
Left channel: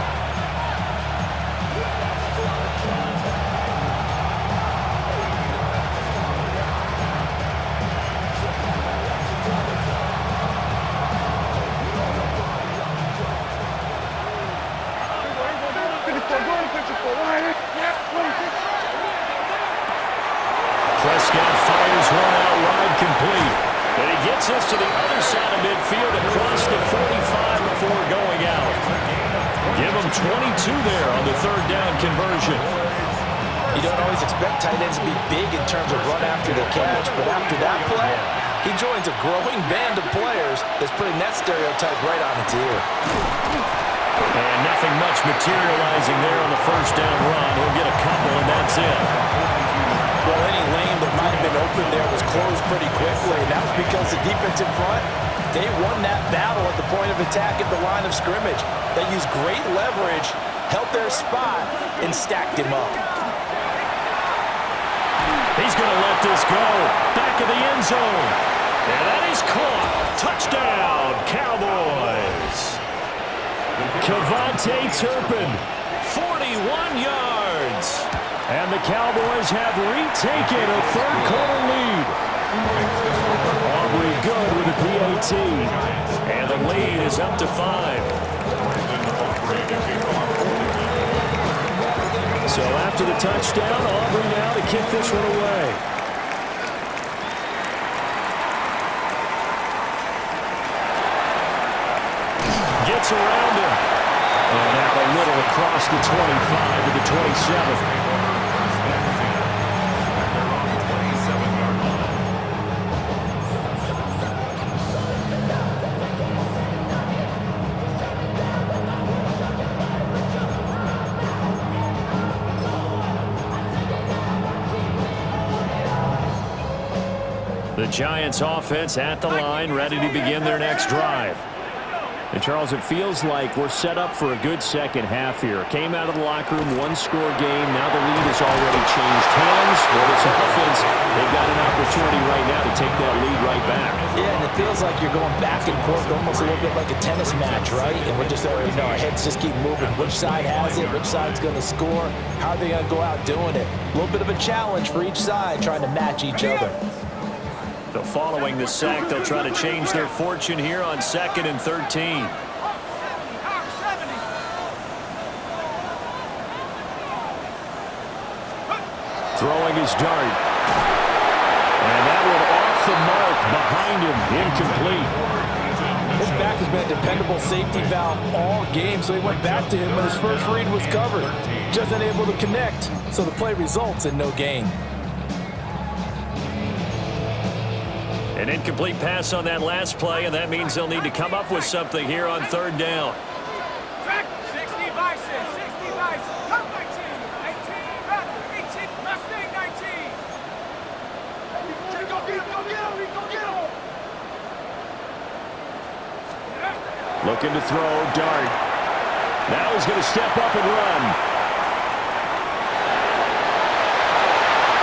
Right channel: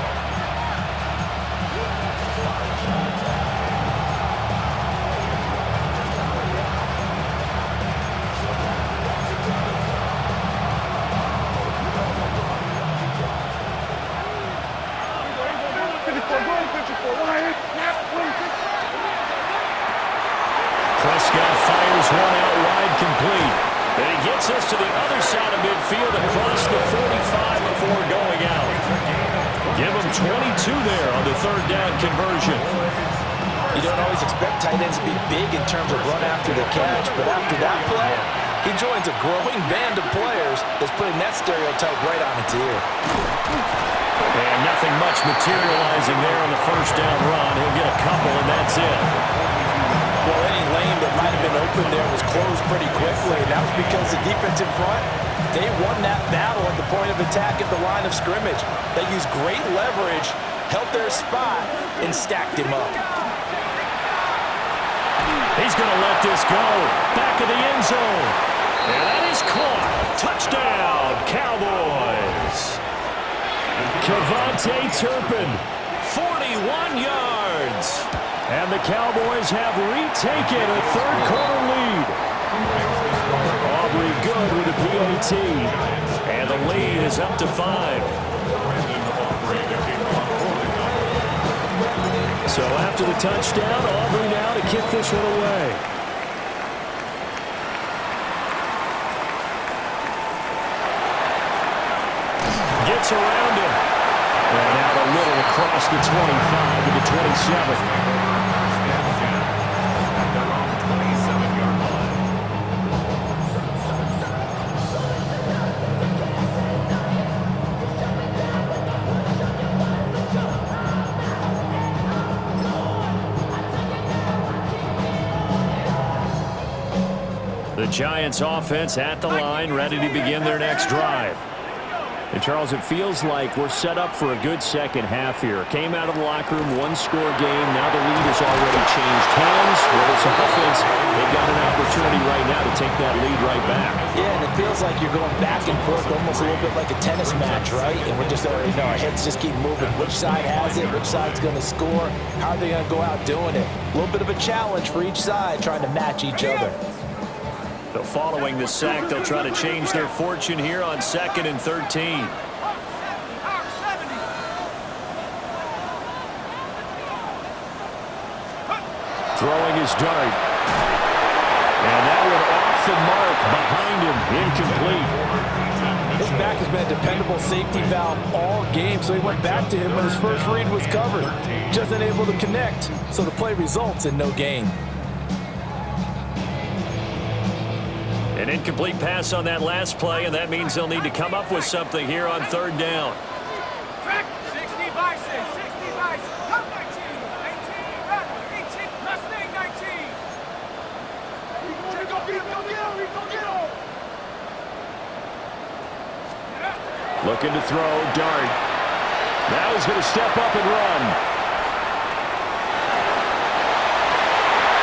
Prescott fires one out wide, complete. And he gets us to the other side of midfield across the 45 before going out. Give him 22 there on the third down conversion. You don't always expect tight ends to be big in terms of run after the catch, but after that play, he joins a growing band of players that's putting that stereotype right on its ear. And nothing much materializing there on the first down run. He'll get a couple, and that's it. Well, any lane that might have been open there was closed pretty quickly, and that was because the defensive front, they won that battle at the point of attack at the line of scrimmage. They used great leverage, held their spot, and stacked him up. He's going to let this go. Back of the end zone. And that is caught. Touchdown, Cowboys. Kevontae Turpin, 41 yards. And the Cowboys have retaken a third-quarter lead. Aubrey good with a PAT. And the lead is up to 5. So after the touchdown, Aubrey now to kick this one away. Gets around him. And out a little across the 25 to the 27. At their own 27-yard line. The Giants offense at the line, ready to begin their next drive. And, Charles, it feels like we're set up for a good second half here. Came out of the locker room, one-score game. Now the lead has already changed hands. Well, it's offense. They've got an opportunity right now to take that lead right back. Yeah, and it feels like you're going back and forth, almost a little bit like a tennis match, right? And we're just, our heads just keep moving. Which side has it? Which side's going to score? How are they going to go out doing it? A little bit of a challenge for each side, trying to match each other. So following the sack, they'll try to change their fortune here on 2nd and 13. Throwing his dart. And that one off the mark behind him, incomplete. His back has been a dependable safety valve all game, so he went back to him when his first read was covered. Just unable to connect, so the play results in no gain. An incomplete pass on that last play, and that means they'll need to come up with something here on third down. Track 60 Bison, 60 Bison, come 19, 18, Rattler, 18, Mustang 19. Go get him, go get him, go get him. Looking to throw, dart. Now he's going to step up and run.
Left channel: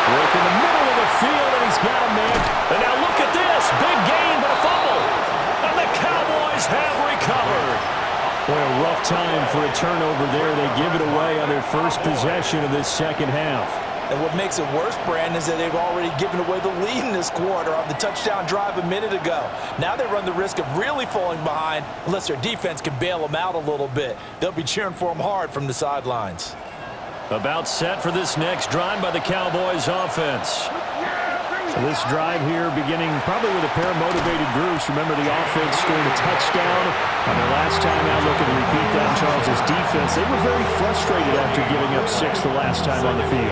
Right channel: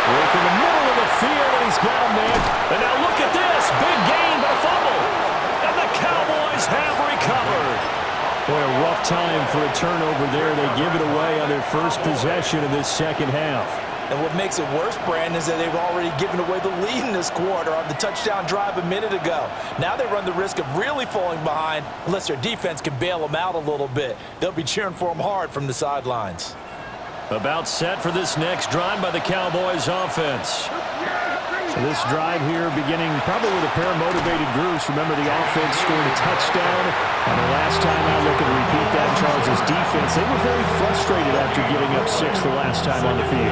Work in the middle of the field, and he's got a man. And now look at this. Big gain, but a fumble. And the Cowboys have recovered. Boy, a rough time for a turnover there. They give it away on their first possession of this second half. And what makes it worse, Brandon, is that they've already given away the lead in this quarter on the touchdown drive a minute ago. Now they run the risk of really falling behind unless their defense can bail them out a little bit. They'll be cheering for them hard from the sidelines. About set for this next drive by the Cowboys offense. So this drive here beginning probably with a pair of motivated groups. Remember, the offense scored a touchdown on their last time out. Looking to repeat that. Charles's defense, they were very frustrated after giving up 6 the last time on the field.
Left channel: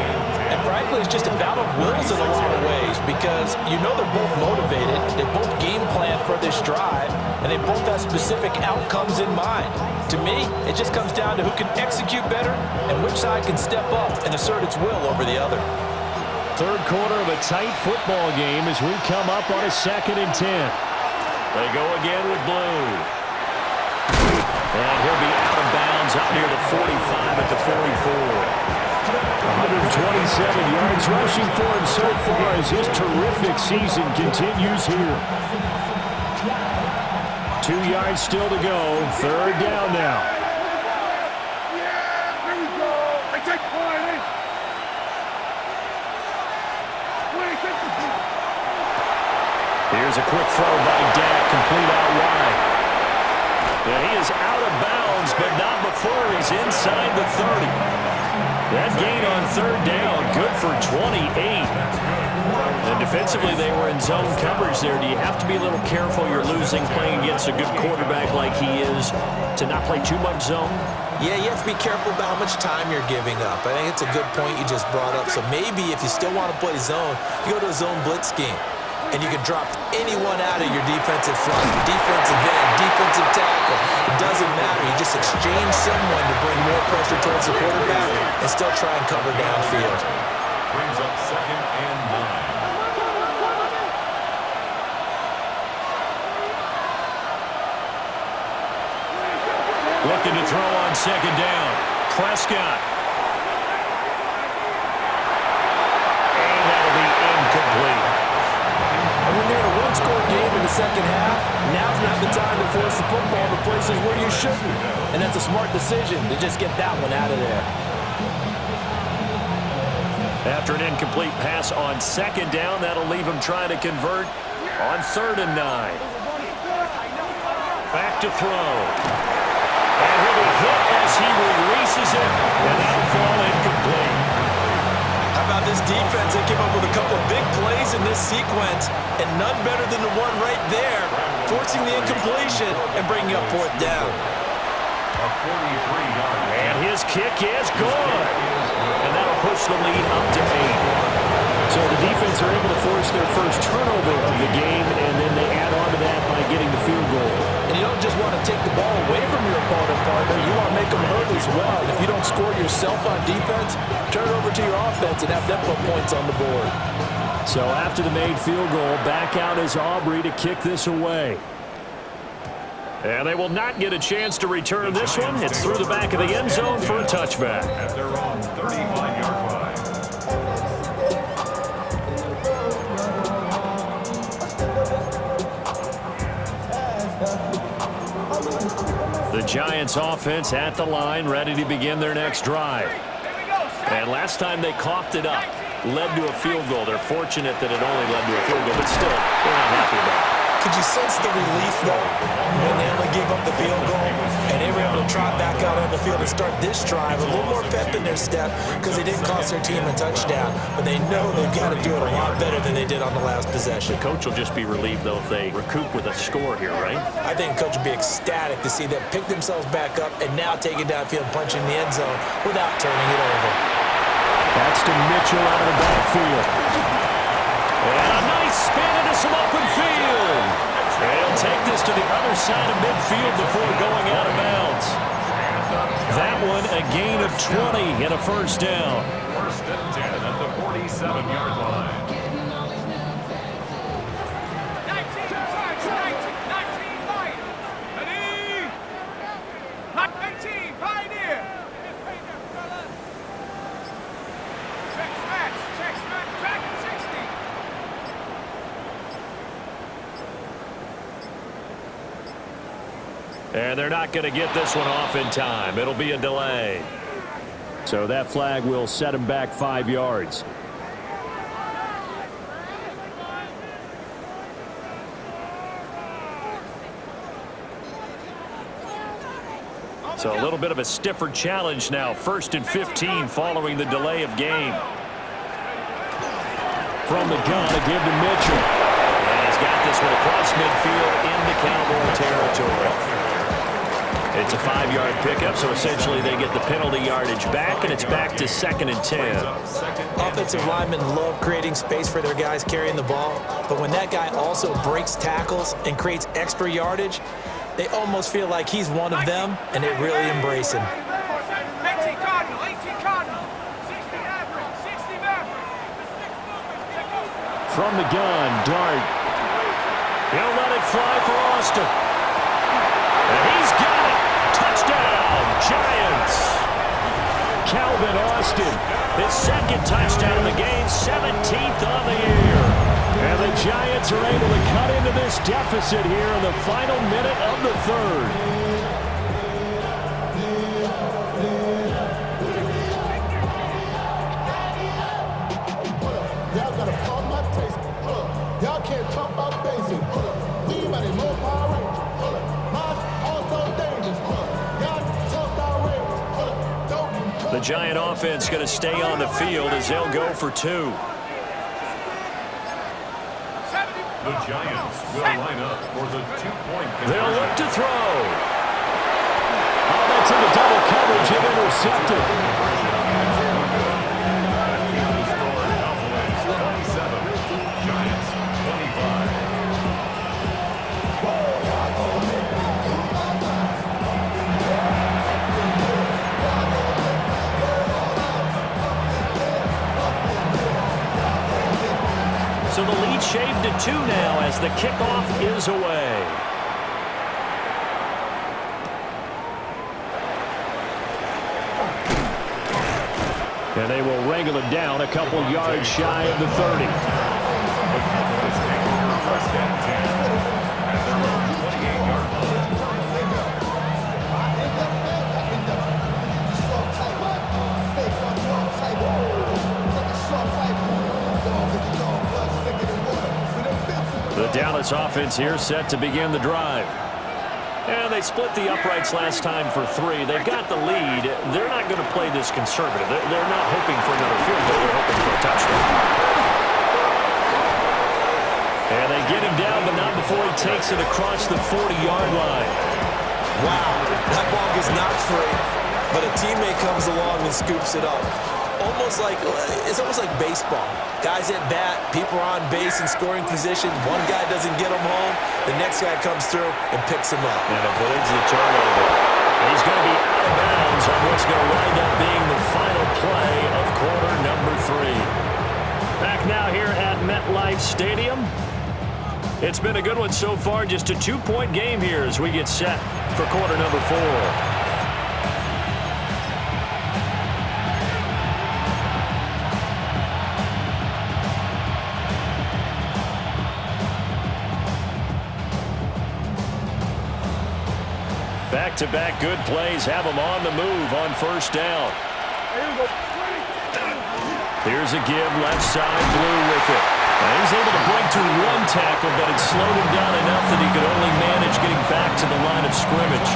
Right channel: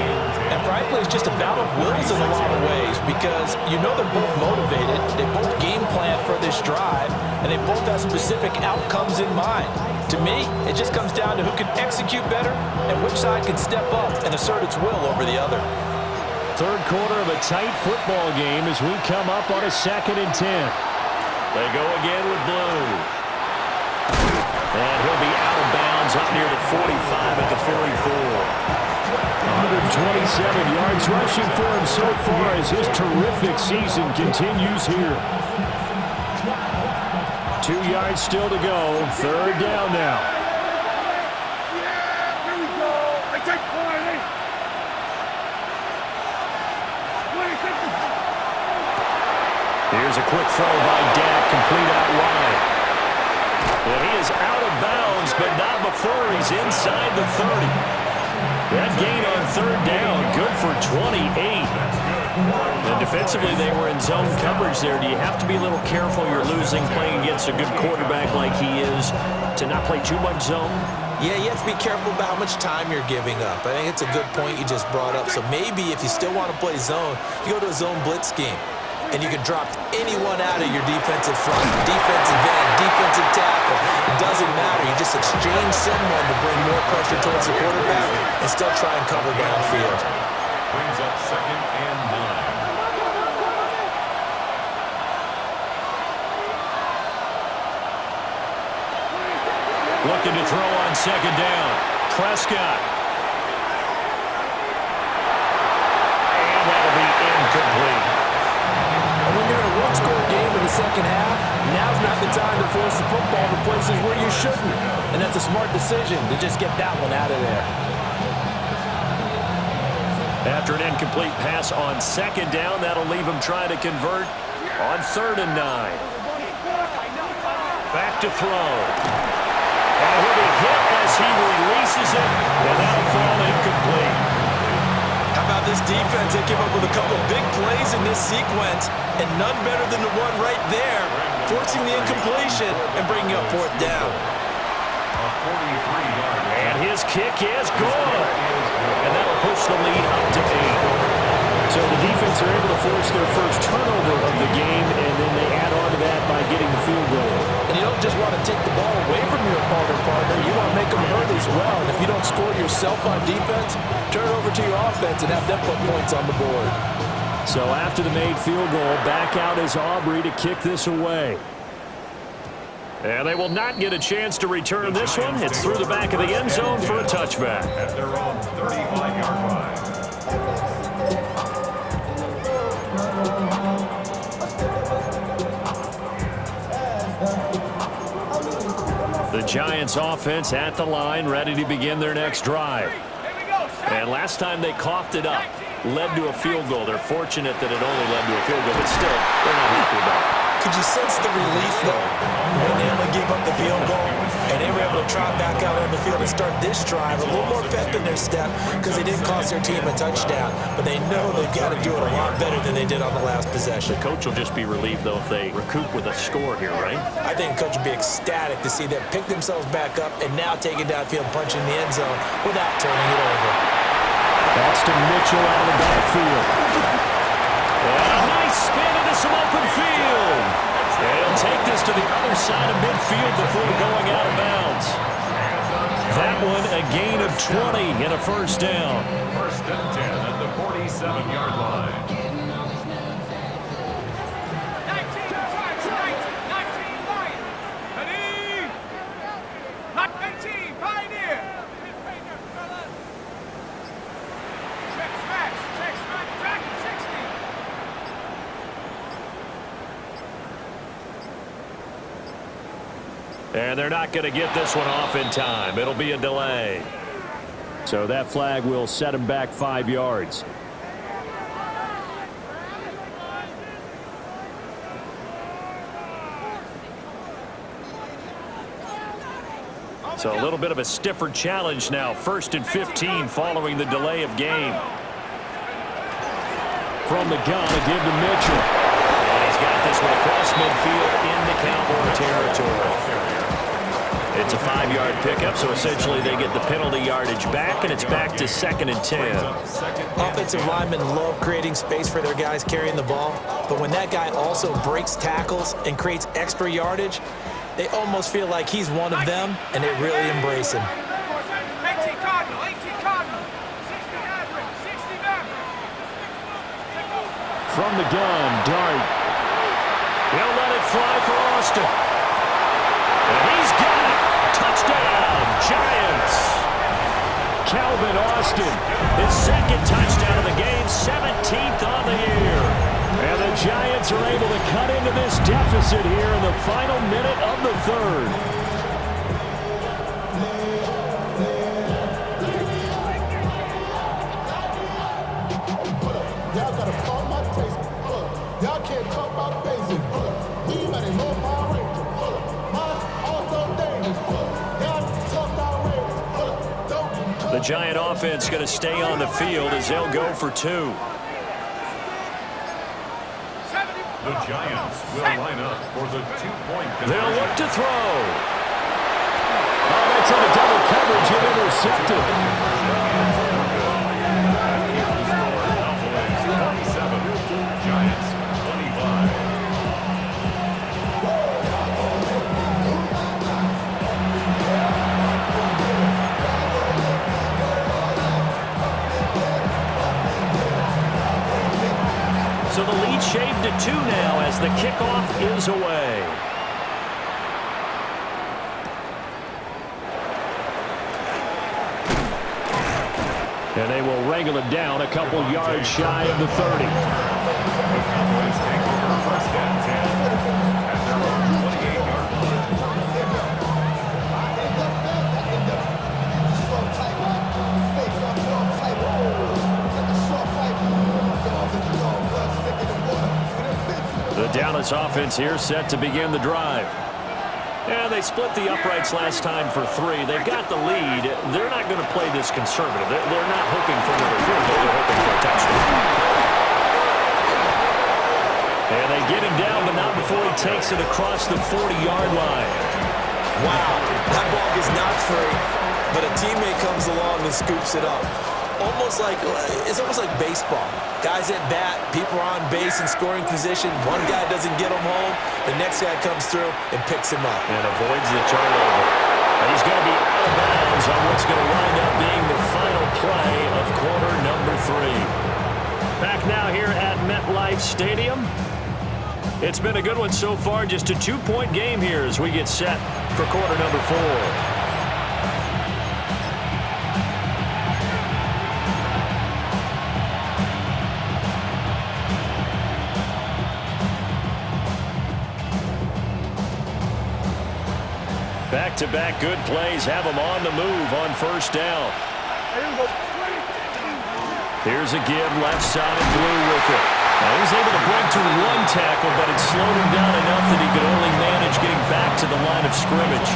And frankly, it's just a battle of wills in a lot of ways because you know they're both motivated. They both game plan for this drive, and they both have specific outcomes in mind. To me, it just comes down to who can execute better and which side can step up and assert its will over the other. Third quarter of a tight football game as we come up on a 2nd and 10. They go again with blue. And he'll be out of bounds up near the 45 at the 44. 127 yards rushing for him so far as his terrific season continues here. 2 yards still to go. Third down now. Yeah, here we go. They take 20. 20, take the ball. Here's a quick throw by Dak, complete out wide. And he is out of bounds, but not before he's inside the 30. That gain on third down, good for 28. And defensively, they were in zone coverage there. Do you have to be a little careful? You're losing playing against a good quarterback like he is to not play too much zone? Yeah, you have to be careful about how much time you're giving up. I think it's a good point you just brought up. So maybe if you still want to play zone, you go to a zone blitz scheme. And you can drop anyone out of your defensive front, defensive end, defensive tackle. It doesn't matter. You just exchange someone to bring more pressure towards the quarterback and still try and cover downfield. Brings up 2nd and 9. Looking to throw on 2nd down. Prescott. And that'll be incomplete. And when you're in a one-score game in the second half, now's not the time to force the football to places where you shouldn't. And that's a smart decision to just get that one out of there. After an incomplete pass on 2nd down, that'll leave him trying to convert on 3rd and 9. Back to throw. And he'll be hit as he releases it, and that'll fall incomplete. How about this defense? They came up with a couple of big plays in this sequence, and none better than the one right there, forcing the incompletion and bringing up 4th down. A 43-yard. And his kick is good. And that'll push the lead up to 8. So the defense are able to force their first turnover of the game, and then they add on to that by getting the field goal. And you don't just want to take the ball away from your opponent, partner. You want to make them hurt as well. And if you don't score yourself on defense, turn it over to your offense and have them put points on the board. So after the made field goal, back out is Aubrey to kick this away. And they will not get a chance to return this one. It's through the back of the end zone for a touchback. At their own 35-yard line. The Giants offense at the line, ready to begin their next drive. And last time they coughed it up, led to a field goal. They're fortunate that it only led to a field goal, but still, they're not happy about it. Could you sense the relief, though, when they only gave up the field goal and they were able to trot back out on the field and start this drive a little more pep in their step because they didn't cost their team a touchdown, but they know they've got to do it a lot better than they did on the last possession. The coach will just be relieved, though, if they recoup with a score here, right? I think the coach would be ecstatic to see them pick themselves back up and now take it downfield, punch in the end zone without turning it over. That's to Mitchell out of the backfield. And a nice spin into some open field. And he'll take this to the other side of midfield before going out of bounds. That one, a gain of 20 and a first down. 1st and 10 at the 47-yard line. 19 Lions. Ready? 19 Pioneer. Check smash, Dragon 60. And they're not going to get this one off in time. It'll be a delay. So that flag will set him back 5 yards. So a little bit of a stiffer challenge now. 1st and 15 following the delay of game. From the gun, a give to Mitchell. And he's got this one across midfield into Cowboy territory. It's a 5-yard pickup, so essentially they get the penalty yardage back, and it's back to 2nd and 10. Offensive linemen love creating space for their guys carrying the ball, but when that guy also breaks tackles and creates extra yardage, they almost feel like he's one of them, and they really embrace him. 18 Cardinal, 18 Cardinal. 60 Maverick, 60 Maverick. From the gun, Dart. He'll let it fly for Austin. And he's got it. touchdown, Giants. Calvin Austin, his second touchdown of the game, 17th on the year. And the Giants are able to cut into this deficit here in the final minute of the third. Y'all gotta pump my taste. Y'all can't talk about basic. We mighty more Power Ranger. Mine also dangerous. Y'all talk outrageous. The Giant offense going to stay on the field as they'll go for two. The Giants will line up for the two-point conversion. They'll look to throw. Oh, that's into double coverage and intercepted. Cowboys 27, Giants 25. So the lead shaved to 2 now as the kickoff is away. And they will wrangle it down a couple yards shy of the 30. The Cowboys take over first and 10 at their own 28-yard The Dallas offense here set to begin the drive. And they split the uprights last time for 3. They've got the lead. They're not going to play this conservative. They're not hoping for another field goal. They're hoping for a touchdown. And they get him down, but not before he takes it across the 40-yard line. Wow, that ball gets knocked free, but a teammate comes along and scoops it up. It's almost like baseball. Guys at bat, people are on base in scoring position. One guy doesn't get him home. The next guy comes through and picks him up. And avoids the turnover. And he's going to be out of bounds on what's going to wind up being the final play of quarter number 3. Back now here at MetLife Stadium. It's been a good one so far. Just a 2-point game here as we get set for quarter number 4. Back-to-back good plays have them on the move on first down. Here's a give, left side, Blue with it. Now he's able to break through 1 tackle, but it slowed him down enough that he could only manage getting back to the line of scrimmage.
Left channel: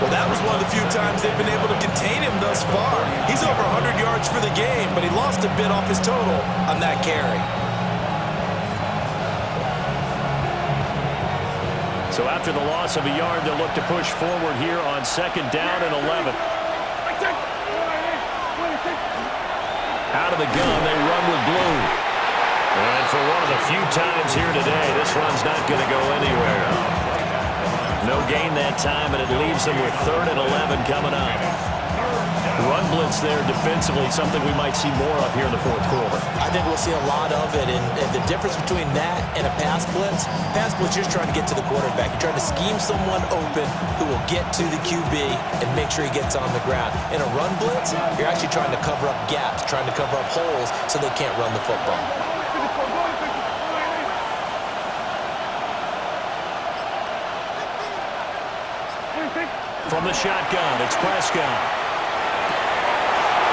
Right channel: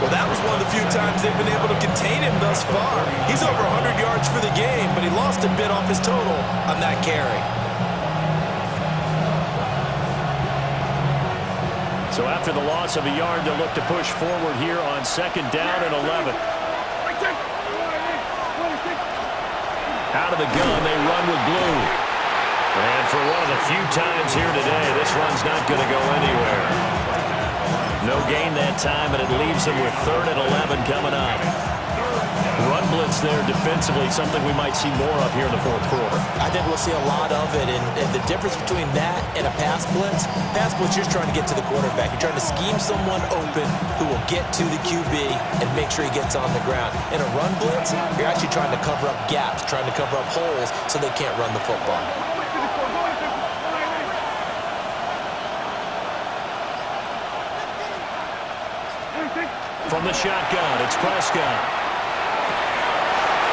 Well, that was one of the few times they've been able to contain him thus far. He's over 100 yards for the game, but he lost a bit off his total on that carry. So after the loss of a yard, they'll look to push forward here on second down and 11. Out of the gun, they run with Blue. And for one of the few times here today, this run's not going to go anywhere. No gain that time, and it leaves them with 3rd and 11 coming up. Run blitz there defensively, something we might see more of here in the 4th quarter. I think we'll see a lot of it, and the difference between that and a pass blitz, you're just trying to get to the quarterback. You're trying to scheme someone open who will get to the QB and make sure he gets on the ground. In a run blitz, you're actually trying to cover up gaps, trying to cover up holes so they can't run the football. From the shotgun, it's Prescott.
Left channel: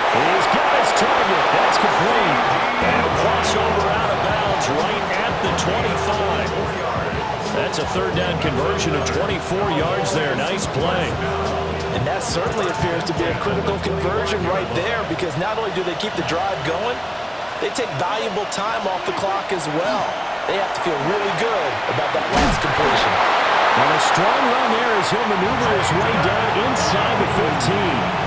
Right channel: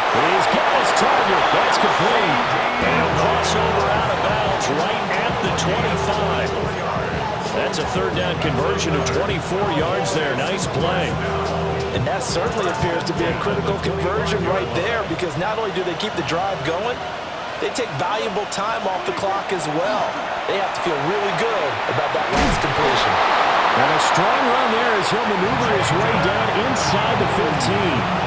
He's got his target. That's complete. And he'll cross over out of bounds right at the 25. That's a 3rd down conversion of 24 yards there. Nice play. And that certainly appears to be a critical conversion right there, because not only do they keep the drive going, they take valuable time off the clock as well. They have to feel really good about that last completion. And a strong run there as he'll maneuver his way down inside the 15.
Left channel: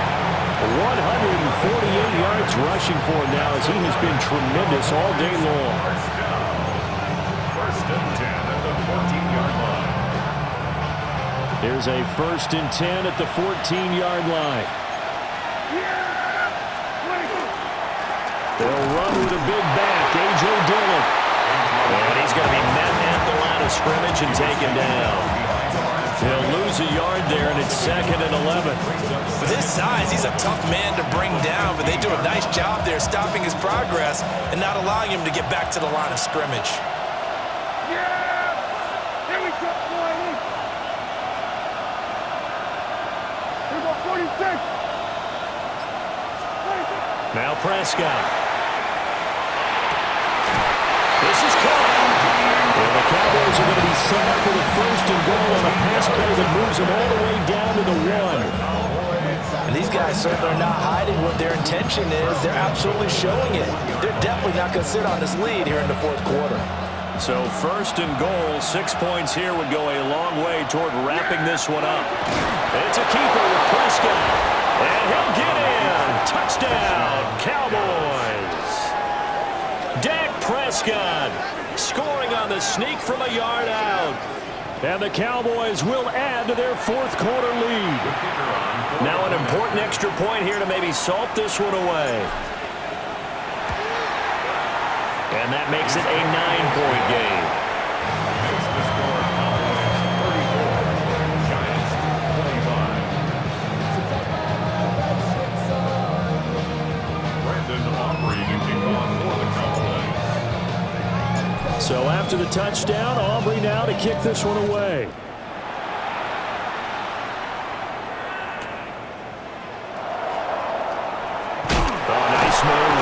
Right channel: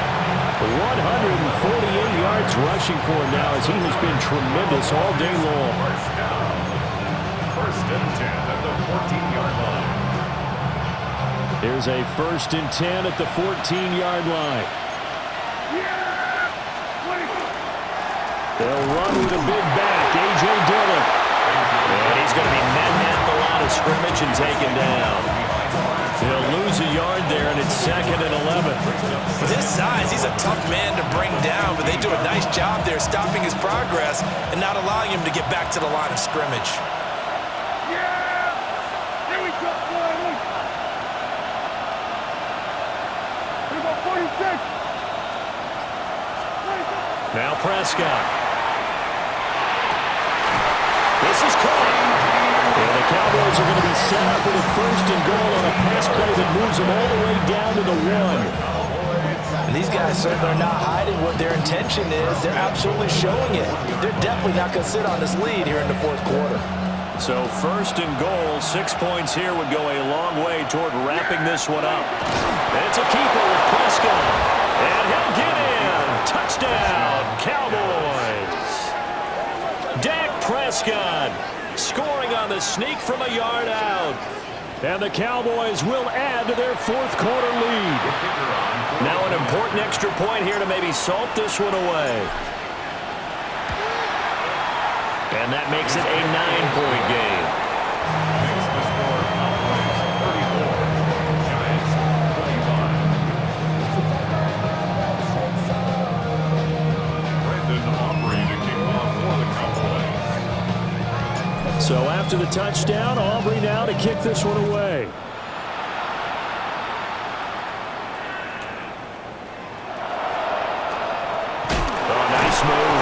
148 yards rushing for him now as he has been tremendous all day long. First down. 1st and 10 at the 14-yard line. There's a 1st and 10 at the 14-yard line. They'll run with a big back, A.J. Dillon. And he's going to be met at the line of scrimmage and taken down. He'll lose a yard there, and it's 2nd and 11. With his size, he's a tough man to bring down, but they do a nice job there stopping his progress and not allowing him to get back to the line of scrimmage. Yeah! Here we go, boy! Here we go, 46! Now Prescott. This is caught. And the Cowboys are going to be set up with a 1st and goal on a pass play that moves them all the way down to the 1. And these guys certainly are not hiding what their intention is. They're absolutely showing it. They're definitely not going to sit on this lead here in the 4th quarter. So 1st and goal, 6 points here would go a long way toward wrapping this one up. It's a keeper with Prescott. And he'll get in. Touchdown, Cowboys. Dak Prescott scoring on the sneak from a yard out. And the Cowboys will add to their 4th quarter lead. Now an important extra point here to maybe salt this one away. And that makes it a 9-point game. Makes the score Cowboys 34, Giants 25. Brandon Aubrey to kick off for the Cowboys. So after the touchdown, Aubrey now to kick this one away. Oh, nice move.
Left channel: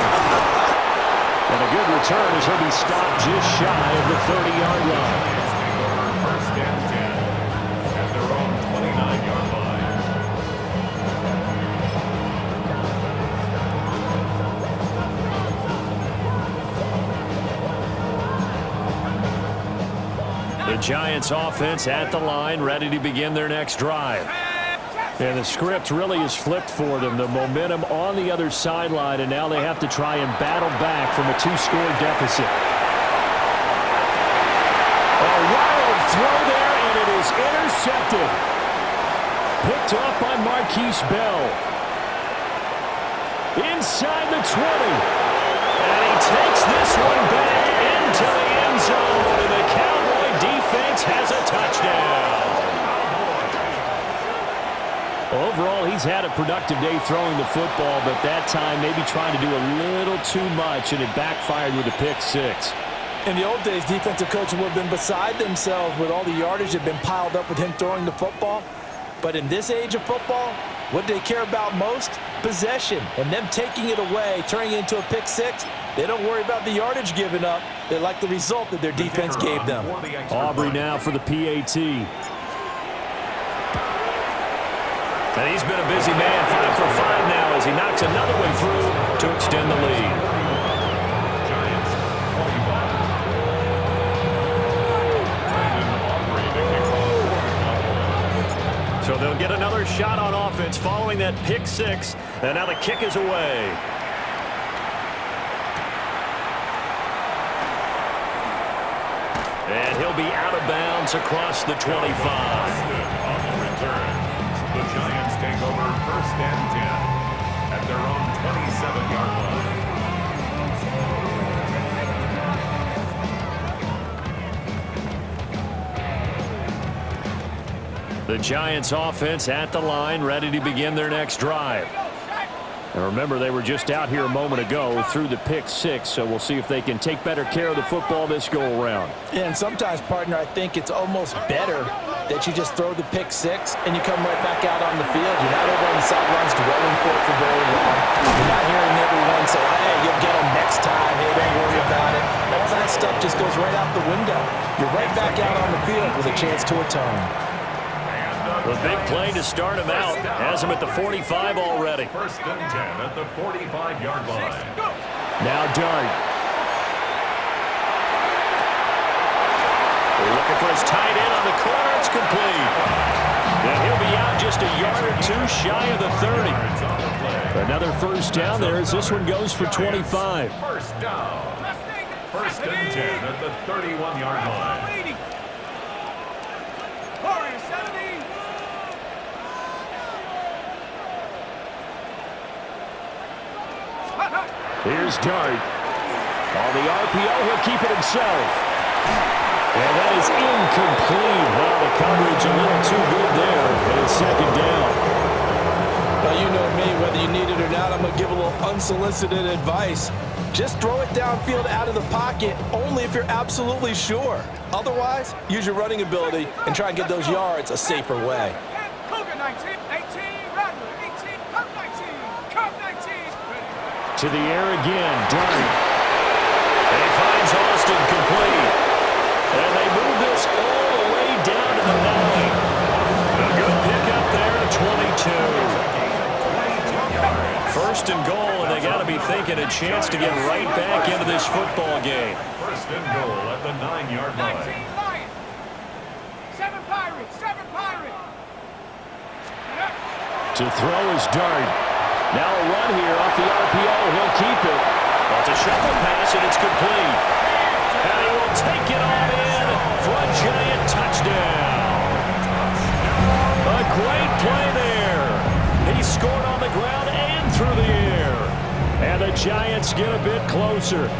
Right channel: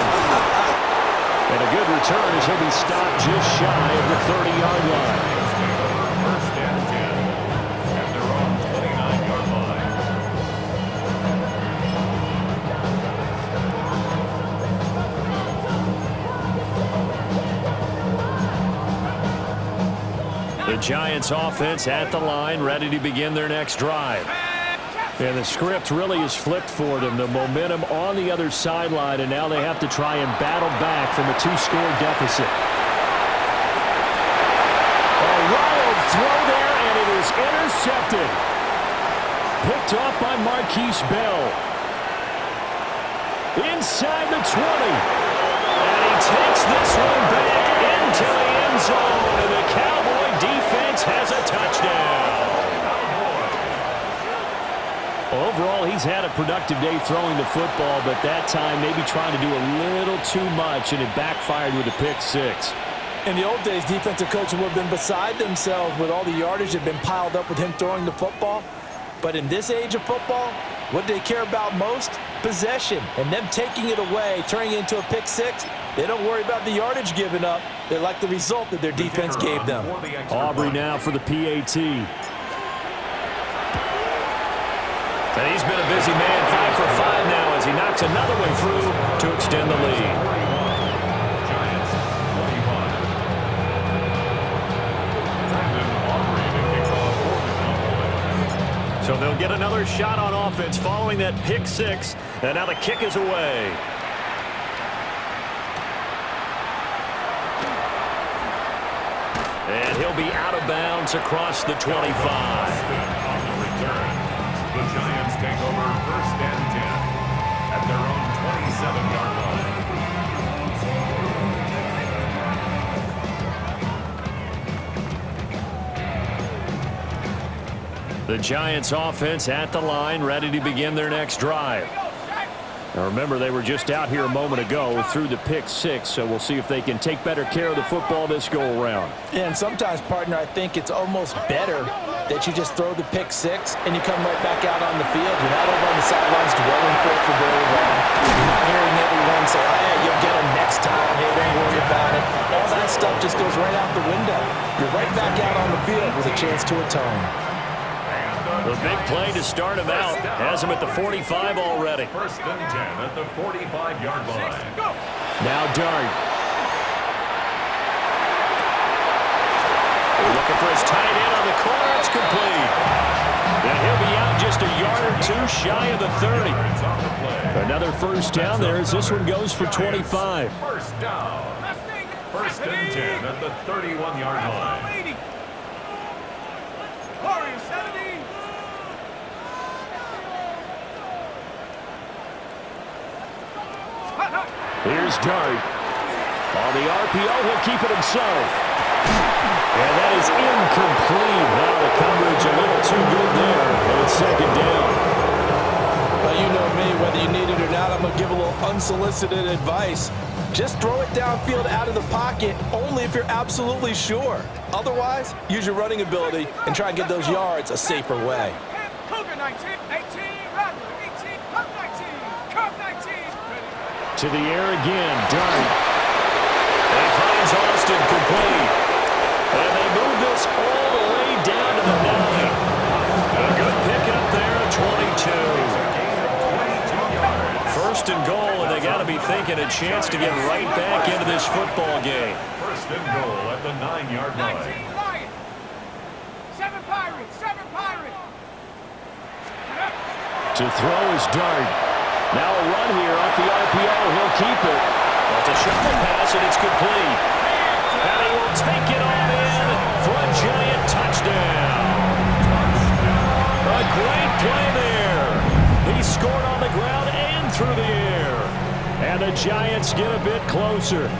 And a good return as he'll be stopped just shy of the 30-yard line. Giants take over 1st and 10 at their own 29-yard line. The Giants offense at the line, ready to begin their next drive. And the script really is flipped for them. The momentum on the other sideline, and now they have to try and battle back from a 2-score deficit. A wild throw there, and it is intercepted. Picked off by Marquise Bell. Inside the 20. And he takes this one back into the end zone, and the Cowboy defense has a touchdown. Overall, he's had a productive day throwing the football, but that time maybe trying to do a little too much, and it backfired with a pick 6. In the old days, defensive coaches would have been beside themselves with all the yardage that had been piled up with him throwing the football. But in this age of football, what they care about most? Possession. And them taking it away, turning it into a pick 6, they don't worry about the yardage given up. They like the result that their defense gave them. Aubrey now for the PAT. And he's been a busy man, 5 for 5 now as he knocks another one through to extend the lead. Giants 25. Brandon Aubrey to kick off for the Cowboys. So they'll get another shot on offense following that pick 6, and now the kick is away. And he'll be out of bounds across the 25. On the return, the Giants take over 1st and 10 at their own 27-yard line. The Giants offense at the line, ready to begin their next drive. And remember, they were just out here a moment ago through the pick 6, so we'll see if they can take better care of the football this go-around. Yeah, and sometimes, partner, I think it's almost better that you just throw the pick 6 and you come right back out on the field. You're not over on the sidelines dwelling for it for very long. You're not hearing everyone say, hey, you'll get them next time. Hey, don't worry about it. All that stuff just goes right out the window. You're right back out on the field with a chance to atone. The big play to start him out has him at the 45 already. 1st and 10 at the 45-yard line. Now Dart. Looking for his tight end on the corner. It's complete. And he'll be out just a yard or two shy of the 30. Another first down there as this one goes for 25. First down. 1st and 10 at the 31-yard line. Warriors 70. Here's Dart. On the RPO, he'll keep it himself. And that is incomplete. Now the coverage a little too good there, and it's second down. Well, you know me, whether you need it or not, I'm going to give a little unsolicited advice. Just throw it downfield out of the pocket only if you're absolutely sure. Otherwise, use your running ability and try and get those yards a safer way. Cougar 19, 18, Rattler 18, Cup 19, Cup 19. To the air again, Dart. And he finds Austin complete. And they move this all the way down to the 9. A good pickup there at 22. First and goal, and they got to be thinking a chance to get right back into this football game. First and goal at the 9-yard line. 19 Lions, 7 Pirates, 7 Pirates. To throw is Dart. Now a run here off the RPO. He'll keep it. Well, it's a shuffle pass, and it's complete. And he will take it on in for a Giant touchdown. A great play there. He scored on the ground and through the air. And the Giants get a bit closer.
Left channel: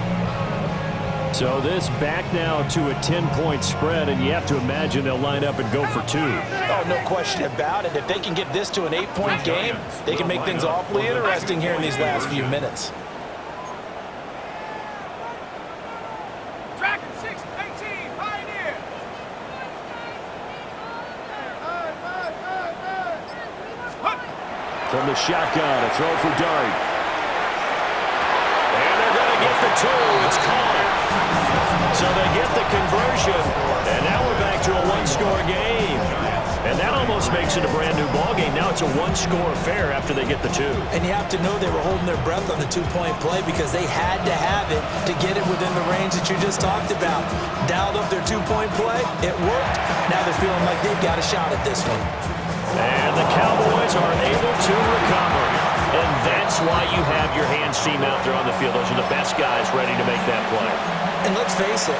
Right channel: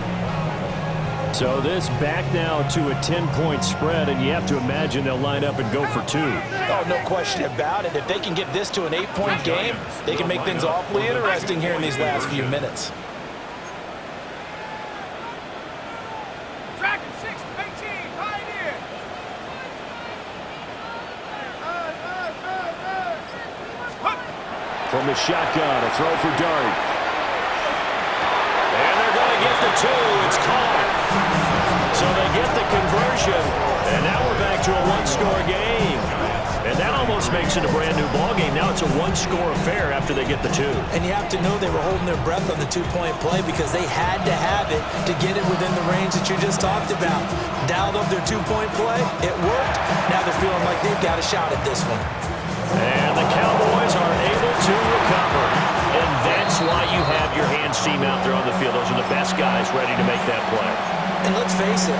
So this back now to a 10-point spread, and you have to imagine they'll line up and go for 2. Oh, no question about it. If they can get this to an 8-point game, they can make things awfully interesting here in these last few minutes. Dragon 6, 18, Pioneer. From the shotgun, a throw for Dart. And they're going to get the 2. It's caught. So they get the conversion, and now we're back to a one-score game. And that almost makes it a brand-new ball game. Now it's a one-score affair after they get the 2. And you have to know they were holding their breath on the 2-point play because they had to have it to get it within the range that you just talked about. Dialed up their 2-point play. It worked. Now they're feeling like they've got a shot at this one. And the Cowboys are able to recover. And that's why you have your hands team out there on the field. Those are the best guys ready to make that play. And let's face it,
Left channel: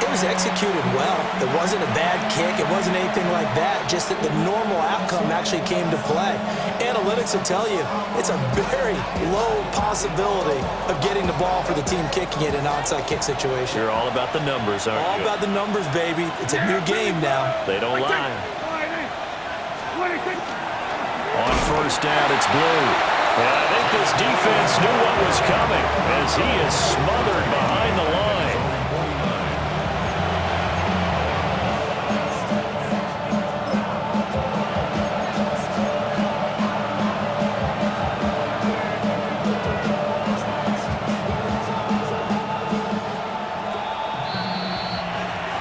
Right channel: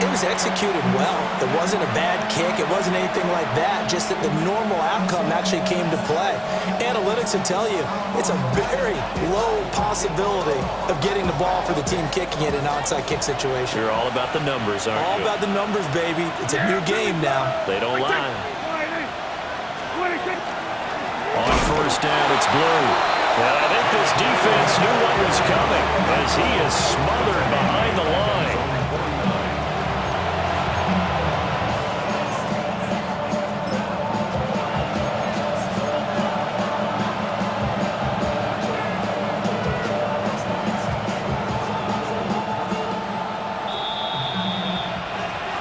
it was executed well. It wasn't a bad kick. It wasn't anything like that. Just that the normal outcome actually came to play. Analytics will tell you it's a very low possibility of getting the ball for the team kicking it in an onside kick situation. You're all about the numbers, aren't you? All about the numbers, baby. It's a new game now. They don't lie. On first down, it's Blue. And I think this defense knew what was coming as he is smothered behind the line.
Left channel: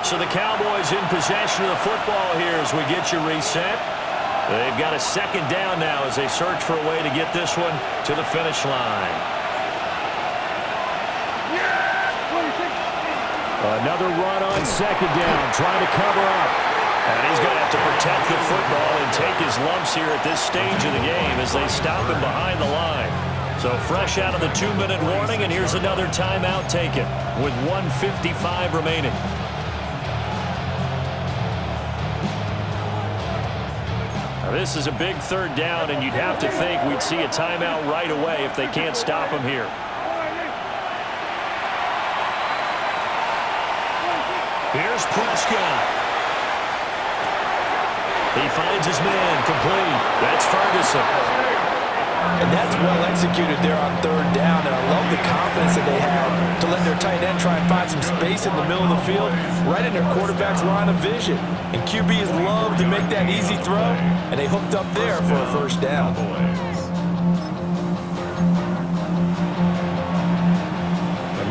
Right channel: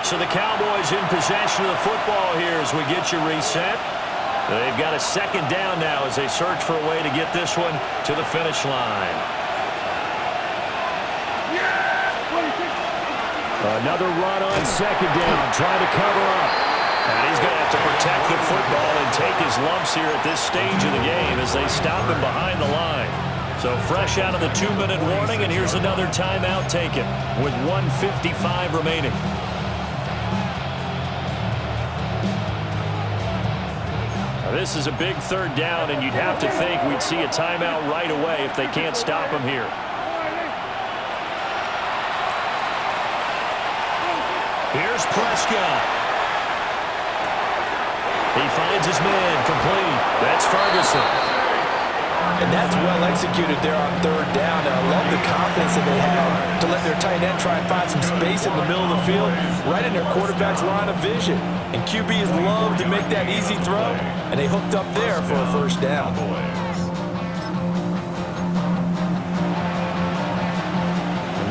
So the Cowboys in possession of the football here as we get you reset. They've got a second down now as they search for a way to get this one to the finish line. Another run on second down, trying to cover up. And he's going to have to protect the football and take his lumps here at this stage of the game as they stop him behind the line. So fresh out of the 2-minute warning, and here's another timeout taken with 1:55 remaining. This is a big third down, and you'd have to think we'd see a timeout right away if they can't stop him here. Here's Prescott. He finds his man complete. That's Ferguson. And that's well executed there on third down. And I love the confidence that they had to let their tight end try and find some space in the middle of the field, right in their quarterback's line of vision. And QBs love to make that easy throw, and they hooked up there for a first down.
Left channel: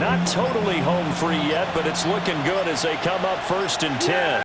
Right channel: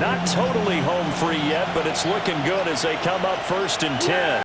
Not totally home free yet, but it's looking good as they come up 1st and 10.